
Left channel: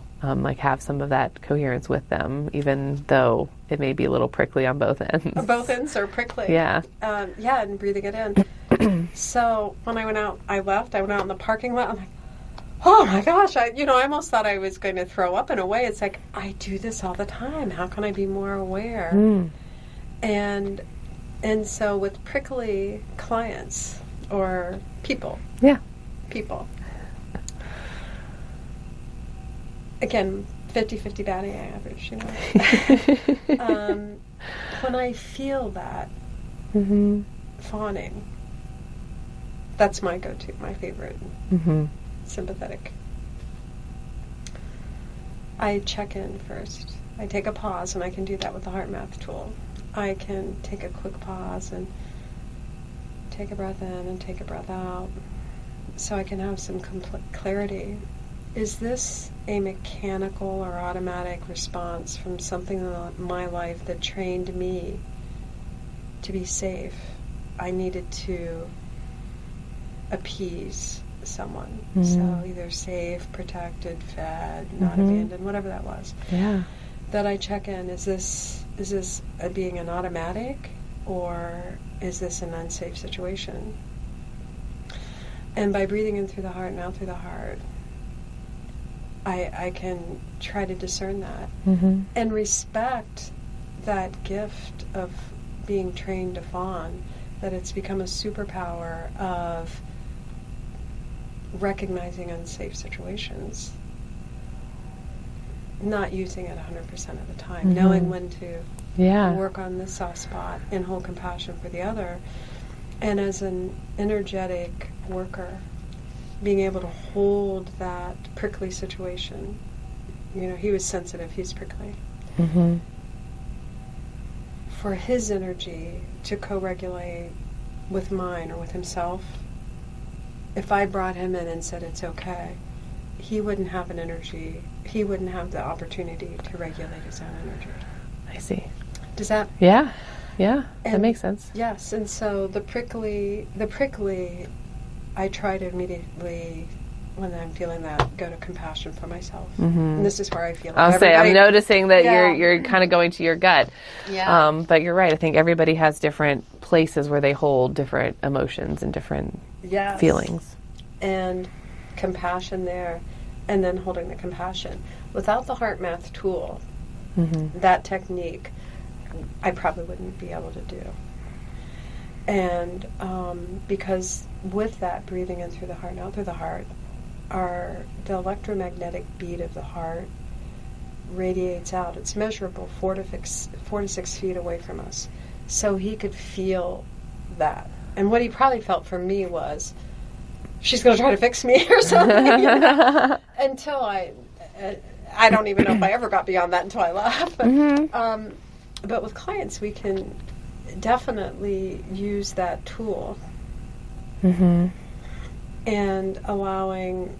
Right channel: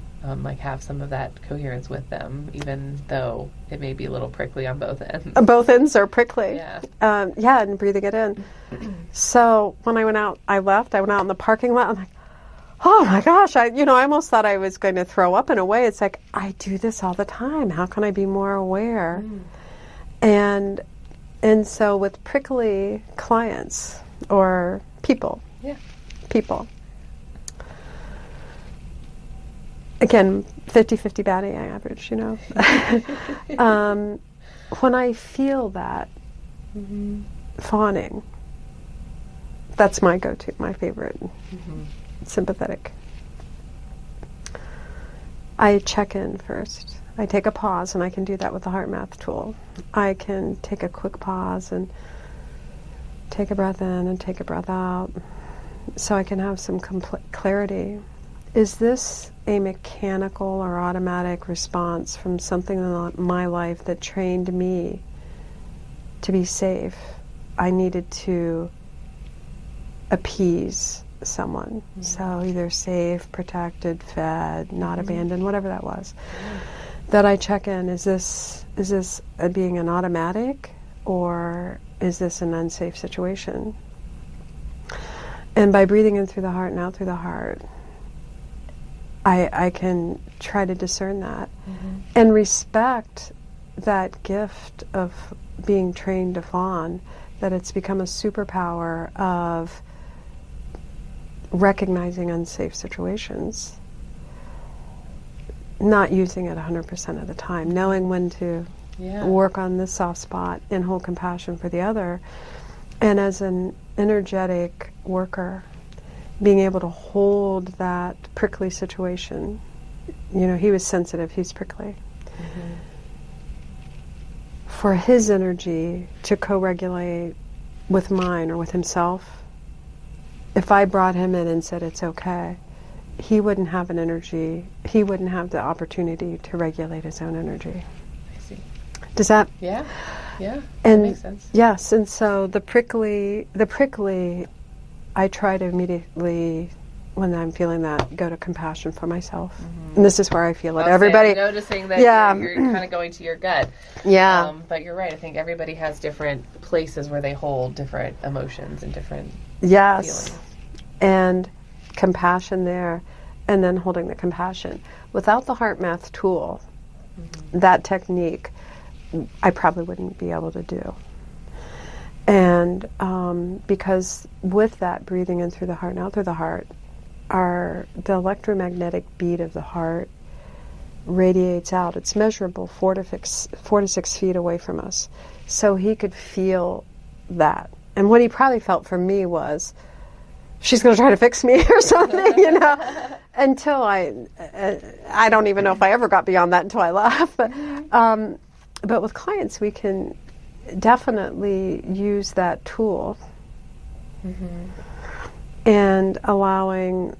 have some of that coherence with them, even though it may be a little prickly on both ends. Both ends are prickly. Yeah. And breathing it in. So when I went out in the parking lot. I'm like, oh my gosh, I almost thought I was going to throw up in a way. It's like, I do this all the time. How can I be more aware? And so with prickly clients or people. Yeah. People. Again, 50-50 batting average, when I feel that fawning, that's my go-to, my favorite. Sympathetic. I check in first. I take a pause, and I can do that with the HeartMath tool. I can take a quick pause and take a breath in and take a breath out, so I can have some clarity. Is this a mechanical or automatic response from something in my life that trained me to be safe? I needed to appease someone. So either safe, protected, fed, not abandoned, whatever that was. Yeah. That I check in, is this being an automatic, or is this an unsafe situation? And by breathing in through the heart and out through the heart, I can try to discern that and respect that gift of being trained to fawn, that it's become a superpower of recognizing unsafe situations, not using it 100% of the time, knowing when to work on this soft spot and hold compassion for the other. And as an energetic worker, being able to hold that prickly situation. He was sensitive, he's prickly. For his energy to co-regulate with mine or with himself, if I brought him in and said it's okay, he wouldn't have an energy, he wouldn't have the opportunity to regulate his own energy. I see. Does that? Yeah, that makes sense. Yes, and so the prickly, I try to immediately, when I'm feeling that, go to compassion for myself. And this is where I feel it. I'm noticing that you're kind of going to your gut. Yeah. But you're right. I think everybody has different places where they hold different emotions and different feelings. And compassion there, and then holding the compassion. Without the HeartMath tool, that technique, I probably wouldn't be able to do. And because with that, breathing in through the heart and out through the heart, the electromagnetic beat of the heart radiates out. It's measurable 4 to 6 feet away from us. So he could feel that. And what he probably felt for me was, she's going to try to fix me or something, until I don't even know if I ever got beyond that until I left. But with clients, we can definitely use that tool and allowing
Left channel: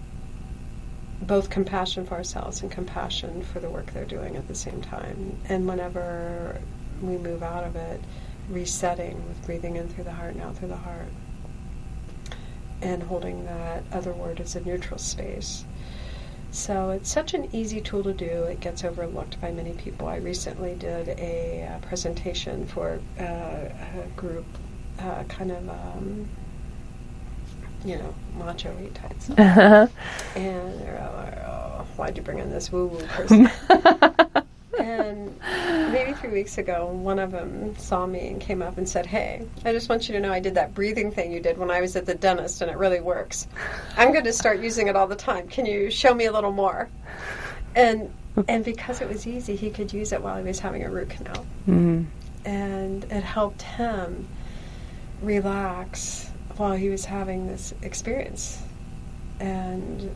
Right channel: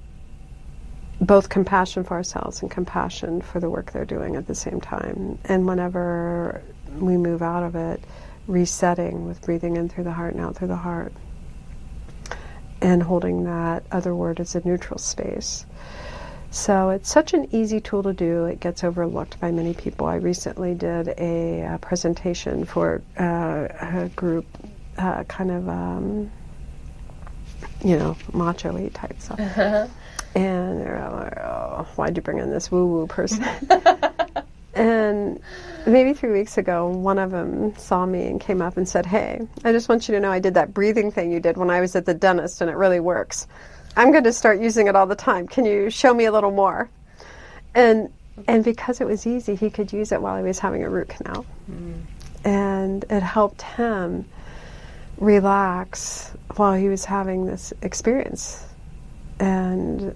both compassion for ourselves and compassion for the work they're doing at the same time. And whenever we move out of it, resetting with breathing in through the heart and out through the heart, and holding that other word as a neutral space. So it's such an easy tool to do. It gets overlooked by many people. I recently did a presentation for a group, macho-y type stuff. And they're like, oh, why'd you bring in this woo-woo person? And maybe 3 weeks ago, one of them saw me and came up and said, hey, I just want you to know I did that breathing thing you did when I was at the dentist, and it really works. I'm going to start using it all the time. Can you show me a little more? And because it was easy, he could use it while he was having a root canal. And it helped him relax while he was having this experience. And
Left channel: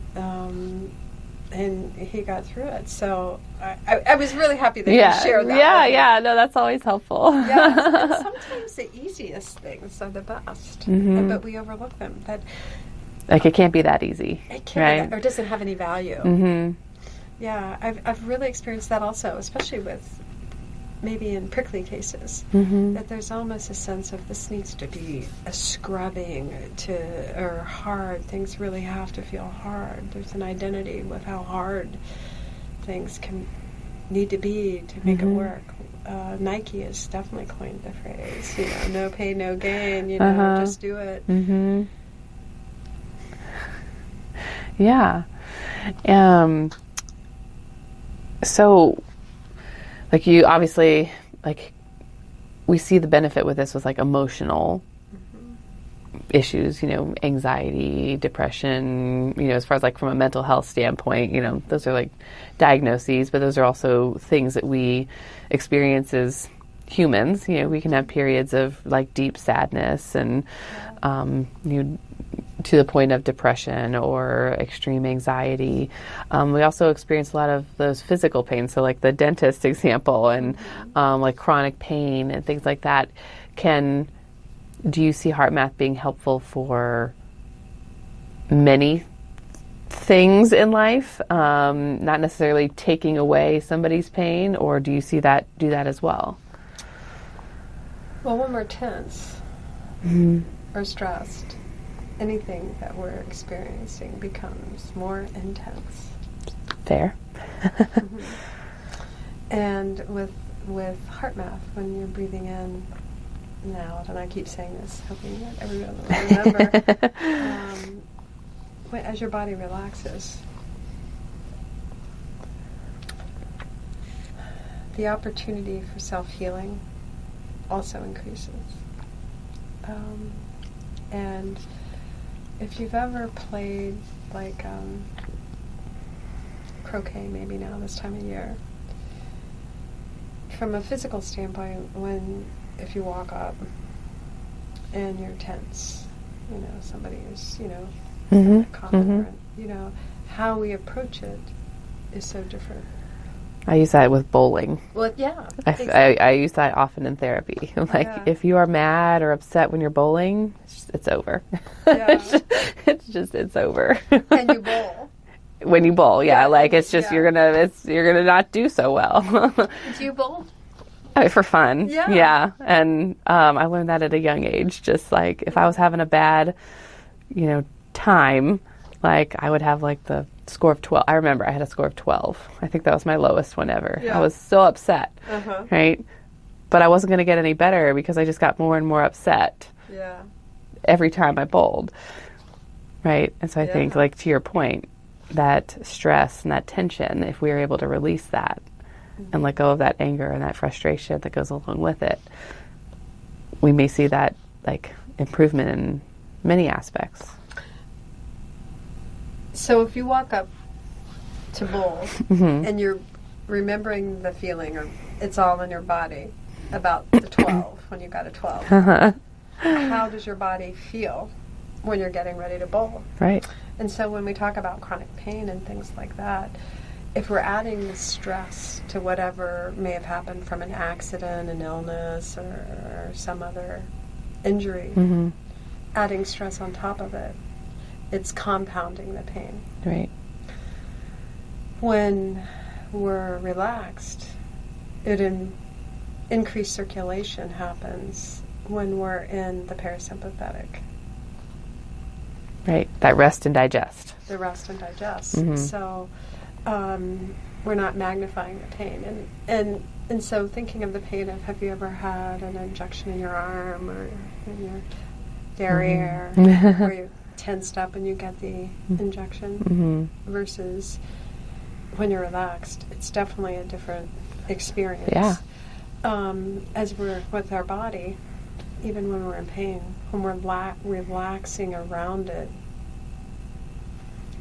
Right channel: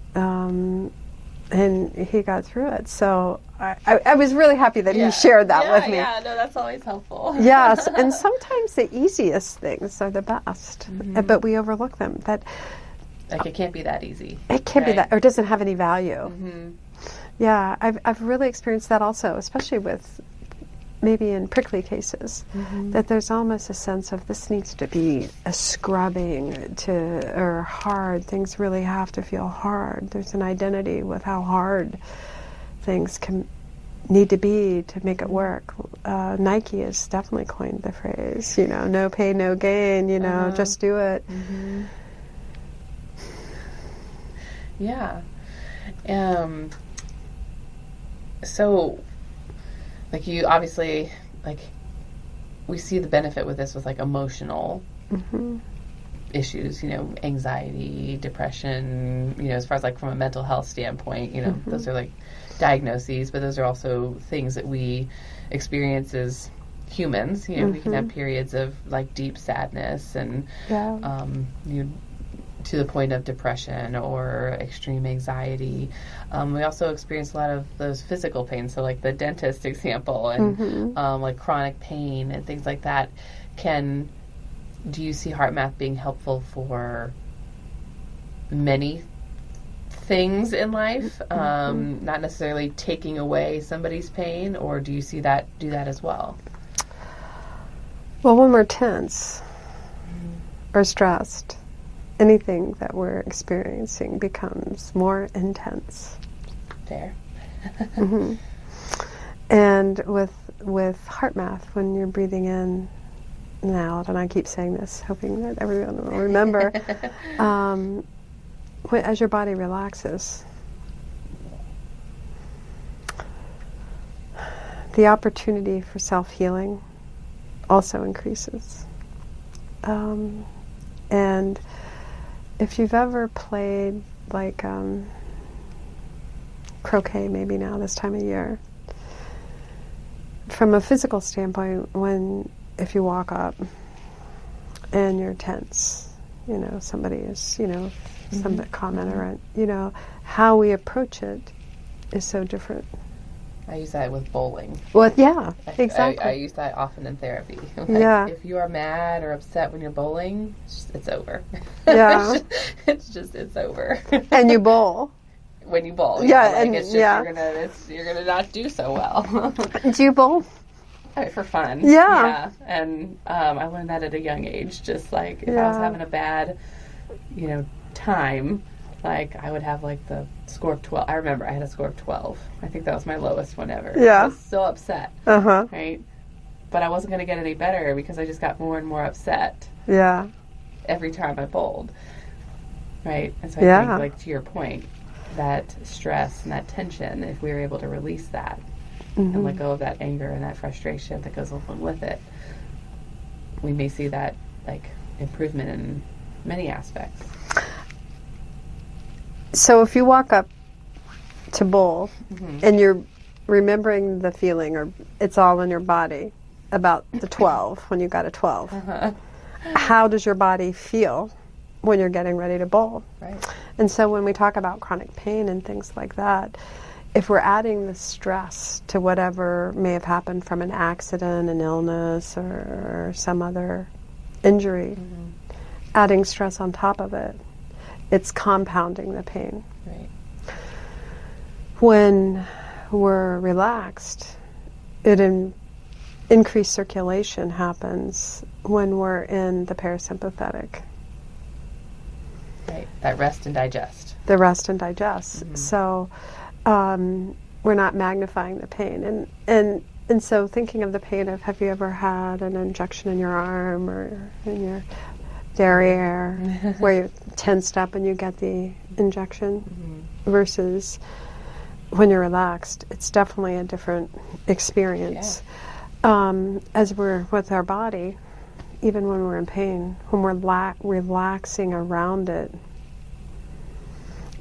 And he got through it. So I was really happy that you shared that with me. Yeah, no, that's always helpful. Yes, and sometimes the easiest things are the best, but we overlook them. Like it can't be that ezy. It can't be that, or doesn't have any value. Mm-hmm. Yeah, I've really experienced that also, especially with maybe in prickly cases, that there's almost a sense of this needs to be a scrubbing or hard. Things really have to feel hard. There's an identity with how hard things can need to be to make it work. Nike has definitely coined the phrase, no pain, no gain, just do it. Mm-hmm. Yeah. So, like you obviously, like we see the benefit with this with like emotional issues, anxiety, depression, as far as like from a mental health standpoint, those are like diagnoses, but those are also things that we experience as humans. We can have periods of like deep sadness and, to the point of depression or extreme anxiety. We also experience a lot of those physical pains. So like the dentist example and like chronic pain and things like that. Do you see HeartMath being helpful for many things in life? Not necessarily taking away somebody's pain, or do you see that do that as well? Well, when we're tense or stressed, anything that we're experiencing becomes more intense. Fair. And with HeartMath, when you're breathing in and out, and I keep saying this, hoping that everyone will remember, as your body relaxes, the opportunity for self-healing also increases. And if you've ever played like croquet, maybe now this time of year, from a physical standpoint, if you walk up and you're tense, somebody is, some comment around, how we approach it is so different. I use that with bowling. Well, yeah, exactly. I use that often in therapy. Like, if you are mad or upset when you're bowling, it's over. Yeah. It's over. And you bowl. When you bowl, it's just, you're gonna not do so well. Do you bowl? For fun. Yeah. Yeah. And I learned that at a young age. Just like if I was having a bad, time, like I would have like the score of 12. I remember I had a score of 12. I think that was my lowest one ever. Yeah. I was so upset. Right? But I wasn't going to get any better because I just got more and more upset. Yeah. Every time I bowled. Right? And so I think, like, to your point, that stress and that tension, if we are able to release that and let go of that anger and that frustration that goes along with it, we may see that, like, improvement in many aspects. So if you walk up to bowl and you're remembering the feeling, or it's all in your body, about the 12, when you got a 12, how does your body feel when you're getting ready to bowl? Right. And so when we talk about chronic pain and things like that, if we're adding the stress to whatever may have happened from an accident, an illness, or some other injury, adding stress on top of it, it's compounding the pain. Right. When we're relaxed, increased circulation happens when we're in the parasympathetic. Right. That rest and digest. The rest and digest. So we're not magnifying the pain. And so thinking of the pain of, have you ever had an injection in your arm or in your derriere where you're tensed up and you get the injection versus when you're relaxed? It's definitely a different experience. As we're with our body, even when we're in pain, when we're relaxing around it,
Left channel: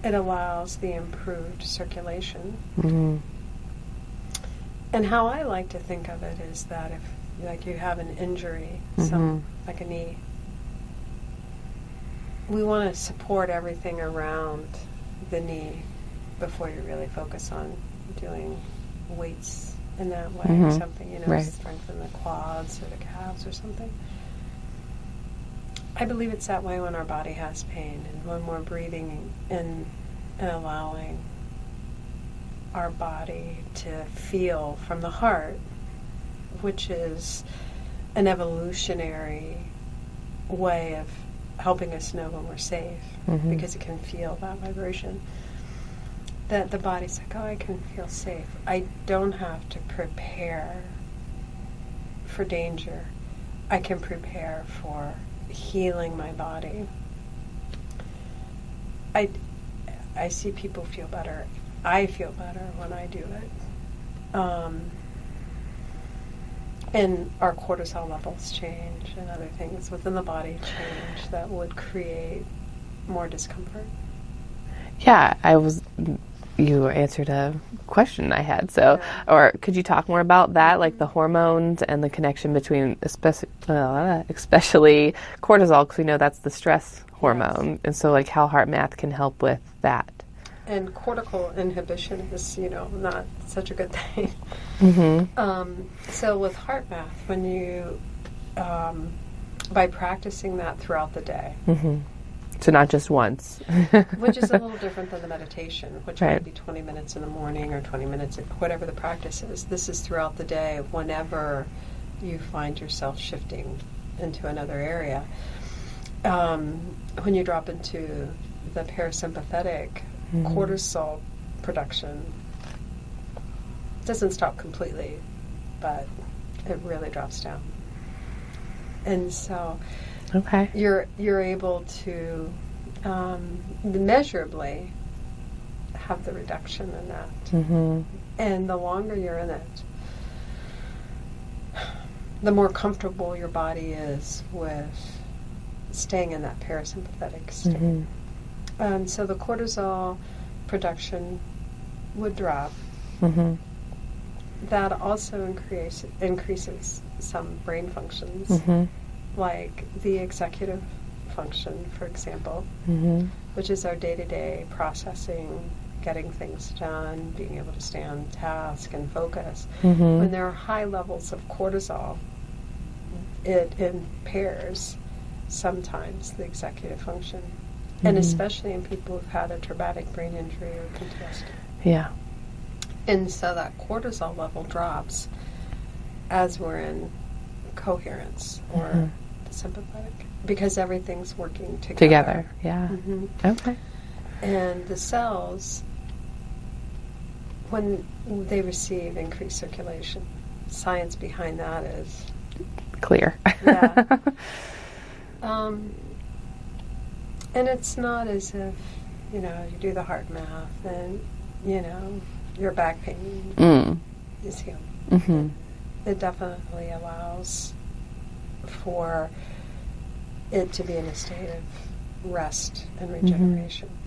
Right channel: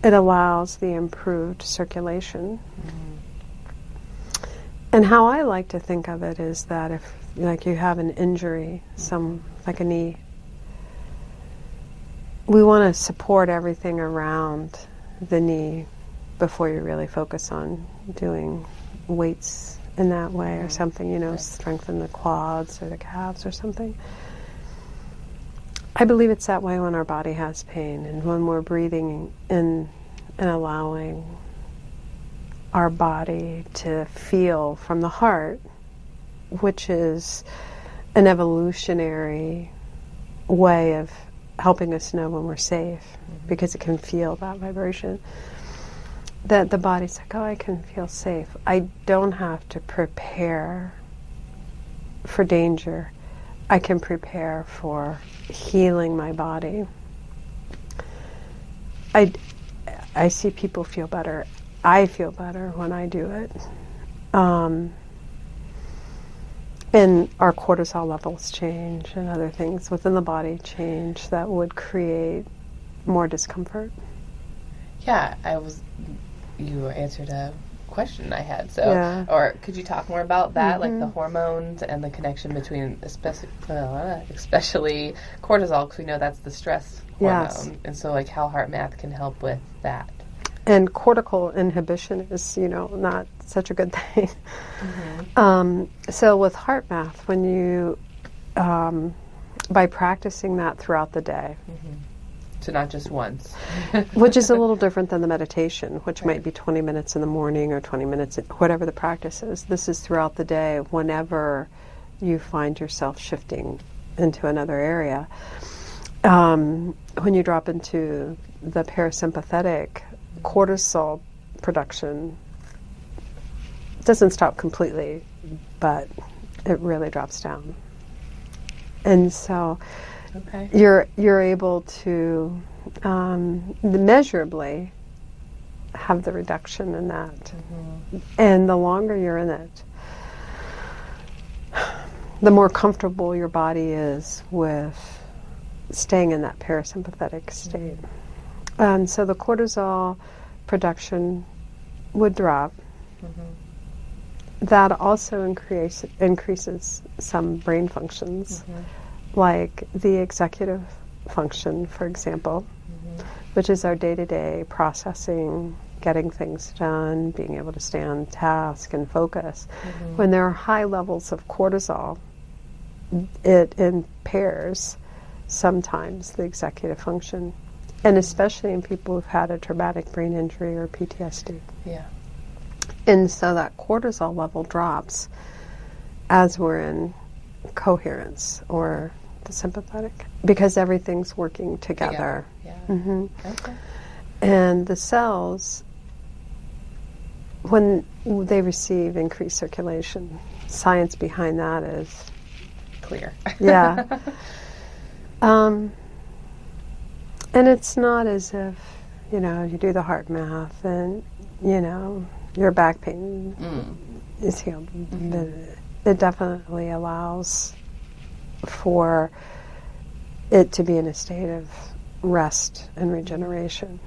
it allows the improved circulation. And how I like to think of it is that if, like, you have an injury, like a knee, we want to support everything around the knee before you really focus on doing weights in that way or something, Right. strengthen the quads or the calves or something. I believe it's that way when our body has pain and when we're breathing in and allowing our body to feel from the heart, which is an evolutionary way of helping us know when we're safe, because it can feel that vibration. That the body's like, oh, I can feel safe. I don't have to prepare for danger. I can prepare for healing my body. I see people feel better. I feel better when I do it. And our cortisol levels change and other things within the body change that would create more discomfort. Yeah, you answered a question I had. So, or could you talk more about that, like the hormones and the connection between, especially cortisol, because we know that's the stress hormone, and so like how HeartMath can help with that. And cortical inhibition is, not such a good thing. So with HeartMath, when you, by practicing that throughout the day, so not just once, which is a little different than the meditation, which might be 20 minutes in the morning or 20 minutes, whatever the practice is. This is throughout the day whenever you find yourself shifting into another area. When you drop into the parasympathetic, cortisol production doesn't stop completely, but it really drops down. And so you're able to measurably have the reduction in that. And the longer you're in it, the more comfortable your body is with staying in that parasympathetic state. And so the cortisol production would drop. That also increases some brain functions, like the executive function, for example, which is our day-to-day processing, getting things done, being able to stay on task and focus. When there are high levels of cortisol, it impairs sometimes the executive function, and especially in people who've had a traumatic brain injury or PTSD. And so that cortisol level drops as we're in coherence or the sympathetic, because everything's working together. And the cells, when they receive increased circulation, science behind that is clear. And it's not as if, you do the HeartMath and, your back pain is healed. It definitely allows for it to be in a state of rest and regeneration.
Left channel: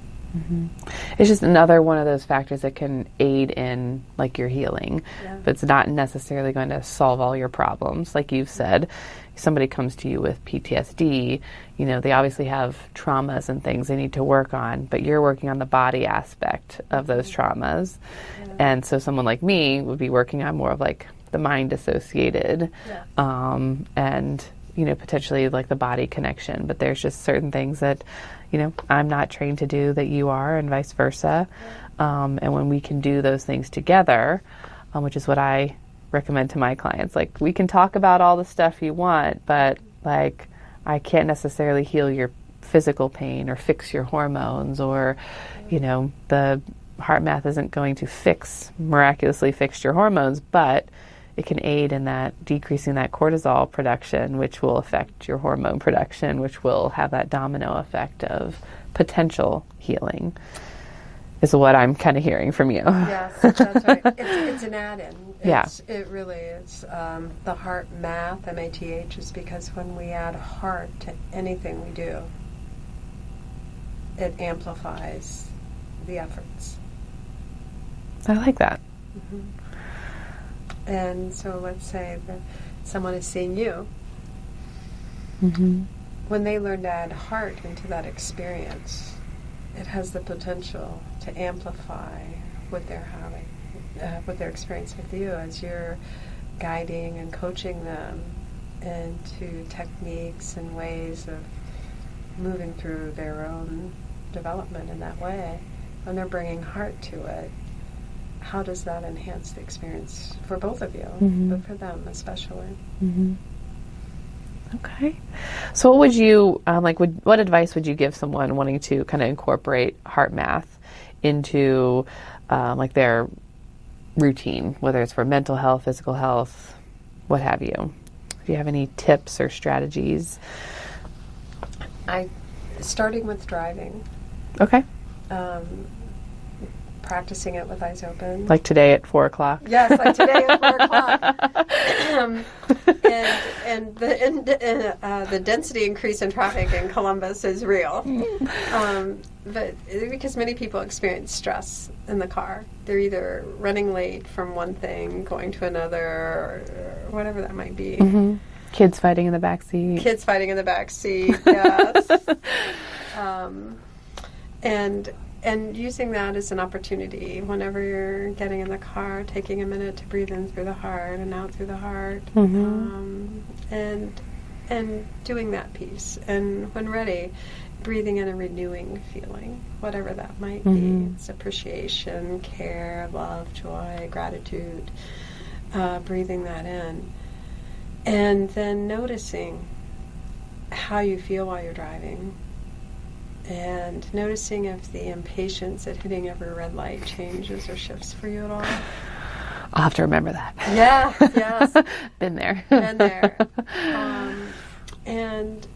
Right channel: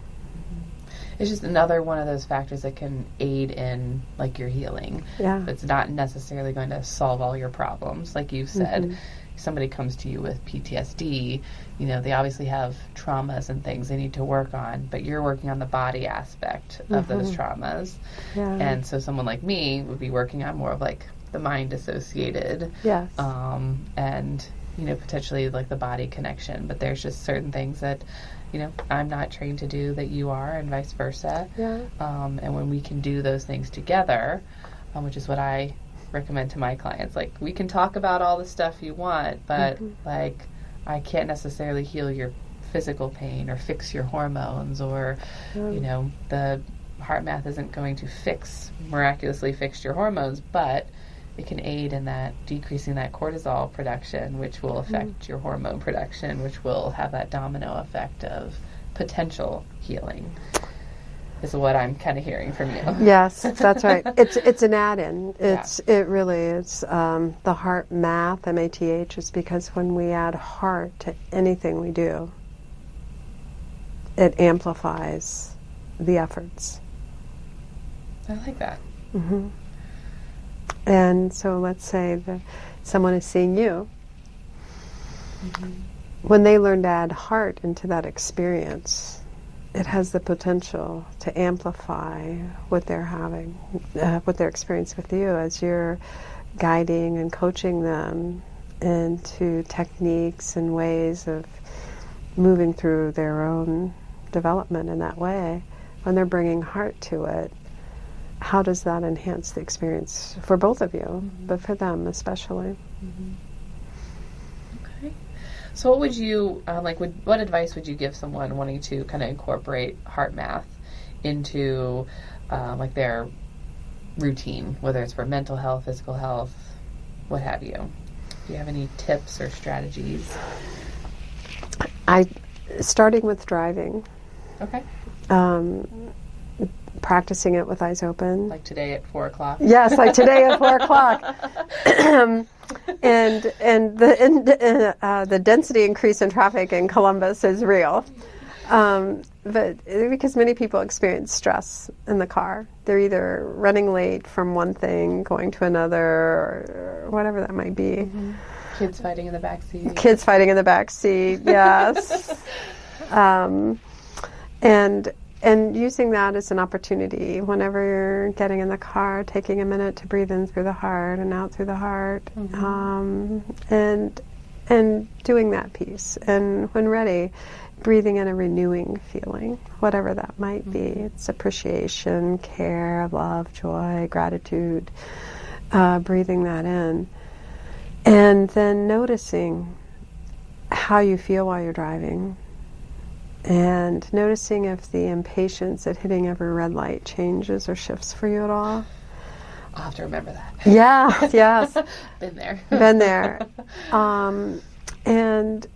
It's just another one of those factors that can aid in like your healing. But it's not necessarily going to solve all your problems. Like you've said, somebody comes to you with PTSD, they obviously have traumas and things they need to work on, but you're working on the body aspect of those traumas. And so someone like me would be working on more of like the mind associated, and, potentially like the body connection. But there's just certain things that, I'm not trained to do that you are, and vice versa. And when we can do those things together, which is what I recommend to my clients, like we can talk about all the stuff you want, but like I can't necessarily heal your physical pain or fix your hormones, or the HeartMath isn't going to miraculously fix your hormones, but it can aid in that decreasing that cortisol production, which will affect your hormone production, which will have that domino effect of potential healing, is what I'm kind of hearing from you. Yes, that's right. It's an add-in. It really is. The HeartMath, M-A-T-H, is because when we add heart to anything we do, it amplifies the efforts. I like that. And so let's say that someone is seeing you. When they learn to add heart into that experience, it has the potential to amplify what they're having, what they're experiencing with you as you're guiding and coaching them into techniques and ways of moving through their own development in that way. When they're bringing heart to it, how does that enhance the experience for both of you, but for them especially? Okay. So what would you, what advice would you give someone wanting to kind of incorporate HeartMath into their routine, whether it's for mental health, physical health, what have you? Do you have any tips or strategies? Starting with driving. Okay. Practicing it with eyes open. Like today at 4 o'clock? Yes, like today at 4 o'clock. and the density increase in traffic in Columbus is real. But because many people experience stress in the car. They're either running late from one thing, going to another, or whatever that might be. Kids fighting in the back seat. Kids fighting in the back seat, yes. And using that as an opportunity whenever you're getting in the car, taking a minute to breathe in through the heart and out through the heart, and doing that piece. And when ready, breathing in a renewing feeling, whatever that might be. It's appreciation, care, love, joy, gratitude, breathing that in. And then noticing how you feel while you're driving. And noticing if the impatience at hitting every red light changes or shifts for you at all. I'll have to remember that. Yeah, yes. Been there. Been there. And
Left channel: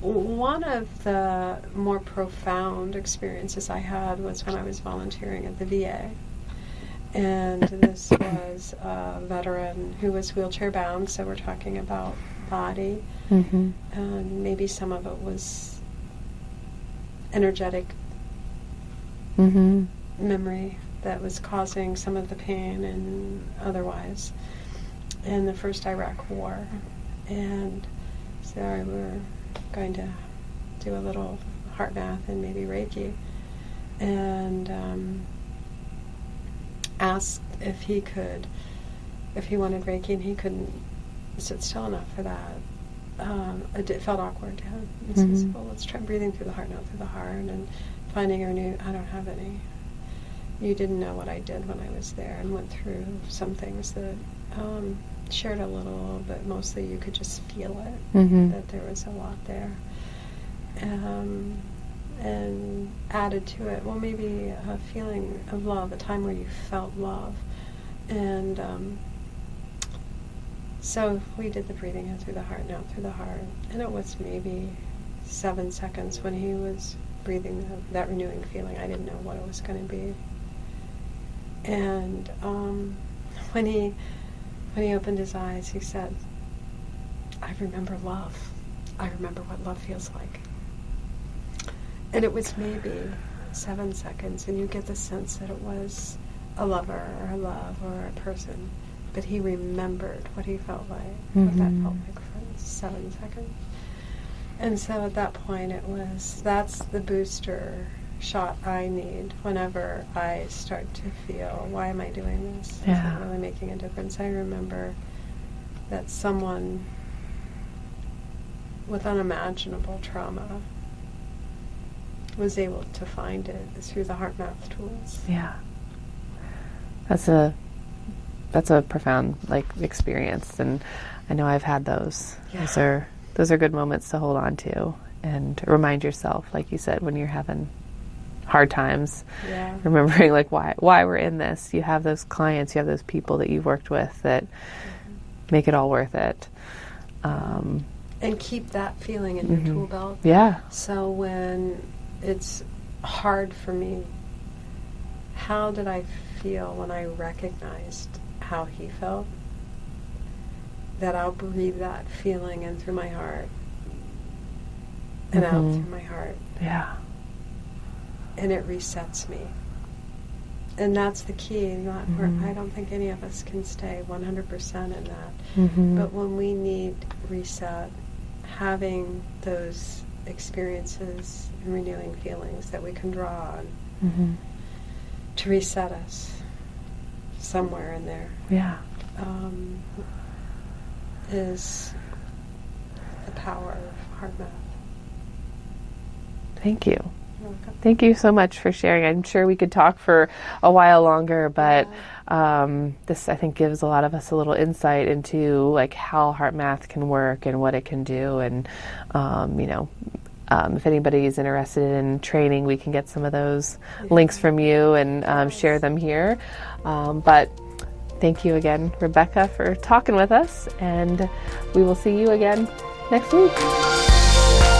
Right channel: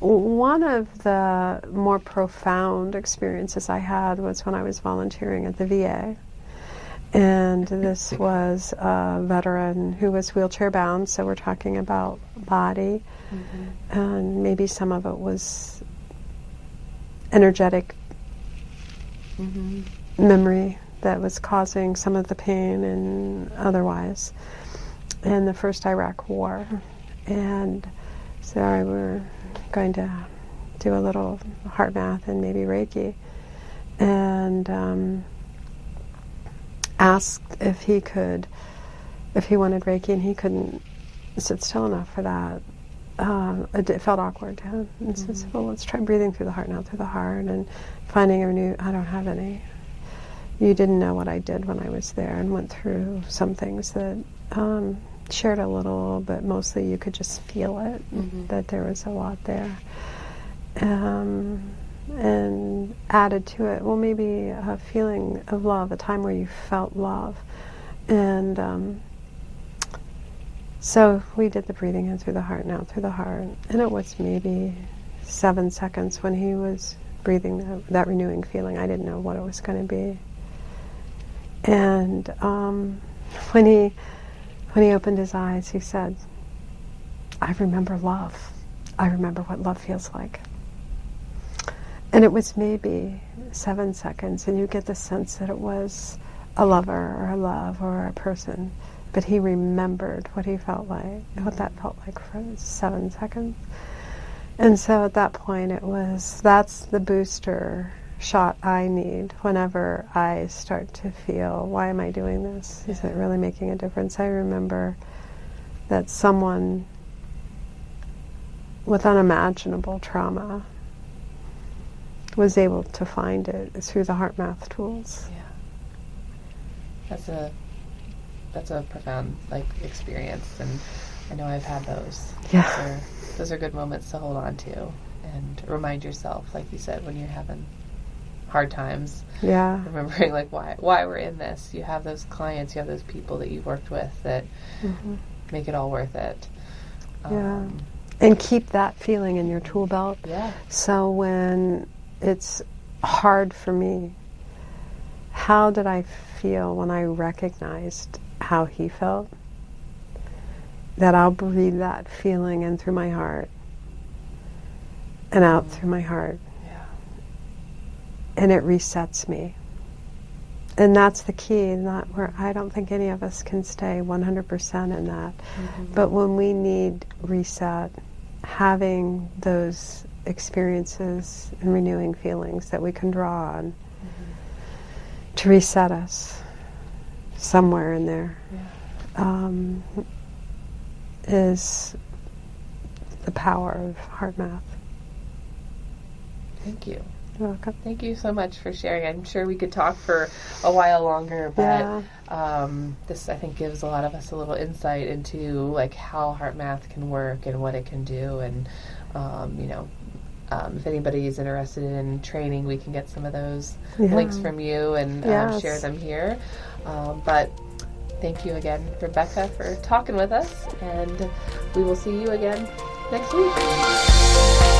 one of the more profound experiences I had was when I was volunteering at the VA. And this was a veteran who was wheelchair bound, so we're talking about body. And maybe some of it was energetic memory that was causing some of the pain and otherwise in the first Iraq War. And so we were going to do a little HeartMath and maybe Reiki, and asked if he wanted Reiki, and he couldn't sit still enough for that. It felt awkward to him. And so I said, well, let's try breathing through the heart, not through the heart, and finding a new, I don't have any. You didn't know what I did when I was there, and went through some things that shared a little, but mostly you could just feel it, that there was a lot there. And added to it, well, maybe a feeling of love, a time where you felt love. And so we did the breathing in through the heart and out through the heart. And it was maybe 7 seconds when he was breathing that renewing feeling. I didn't know what it was going to be. And when he opened his eyes, he said, I remember love. I remember what love feels like. And it was maybe 7 seconds, and you get the sense that it was a lover or a love or a person. But he remembered what he felt like, what that felt like for 7 seconds. And so at that point that's the booster shot I need whenever I start to feel, why am I doing this? Is it really making a difference? I remember that someone with unimaginable trauma was able to find it through the HeartMath tools. Yeah. That's a profound experience, and I know I've had those. Yeah. Those are good moments to hold on to and remind yourself, like you said, when you're having hard times. Yeah. Remembering why we're in this. You have those clients, you have those people that you've worked with that make it all worth it. And keep that feeling in your tool belt. Yeah. So when it's hard for me, how did I feel when I recognized how he felt? That I'll breathe that feeling in through my heart and out through my heart. Yeah. And it resets me. And that's the key, not where I don't think any of us can stay 100% in that. But when we need reset, having those experiences and renewing feelings that we can draw on to reset us somewhere in there. Yeah. Is the power of HeartMath. Thank you. You're welcome. Thank you so much for sharing. I'm sure we could talk for a while longer, but this, I think, gives a lot of us a little insight into like how HeartMath can work and what it can do. And if anybody is interested in training, we can get some of those links from you and share them here. But thank you again, Rebecca, for talking with us, and we will see you again next week.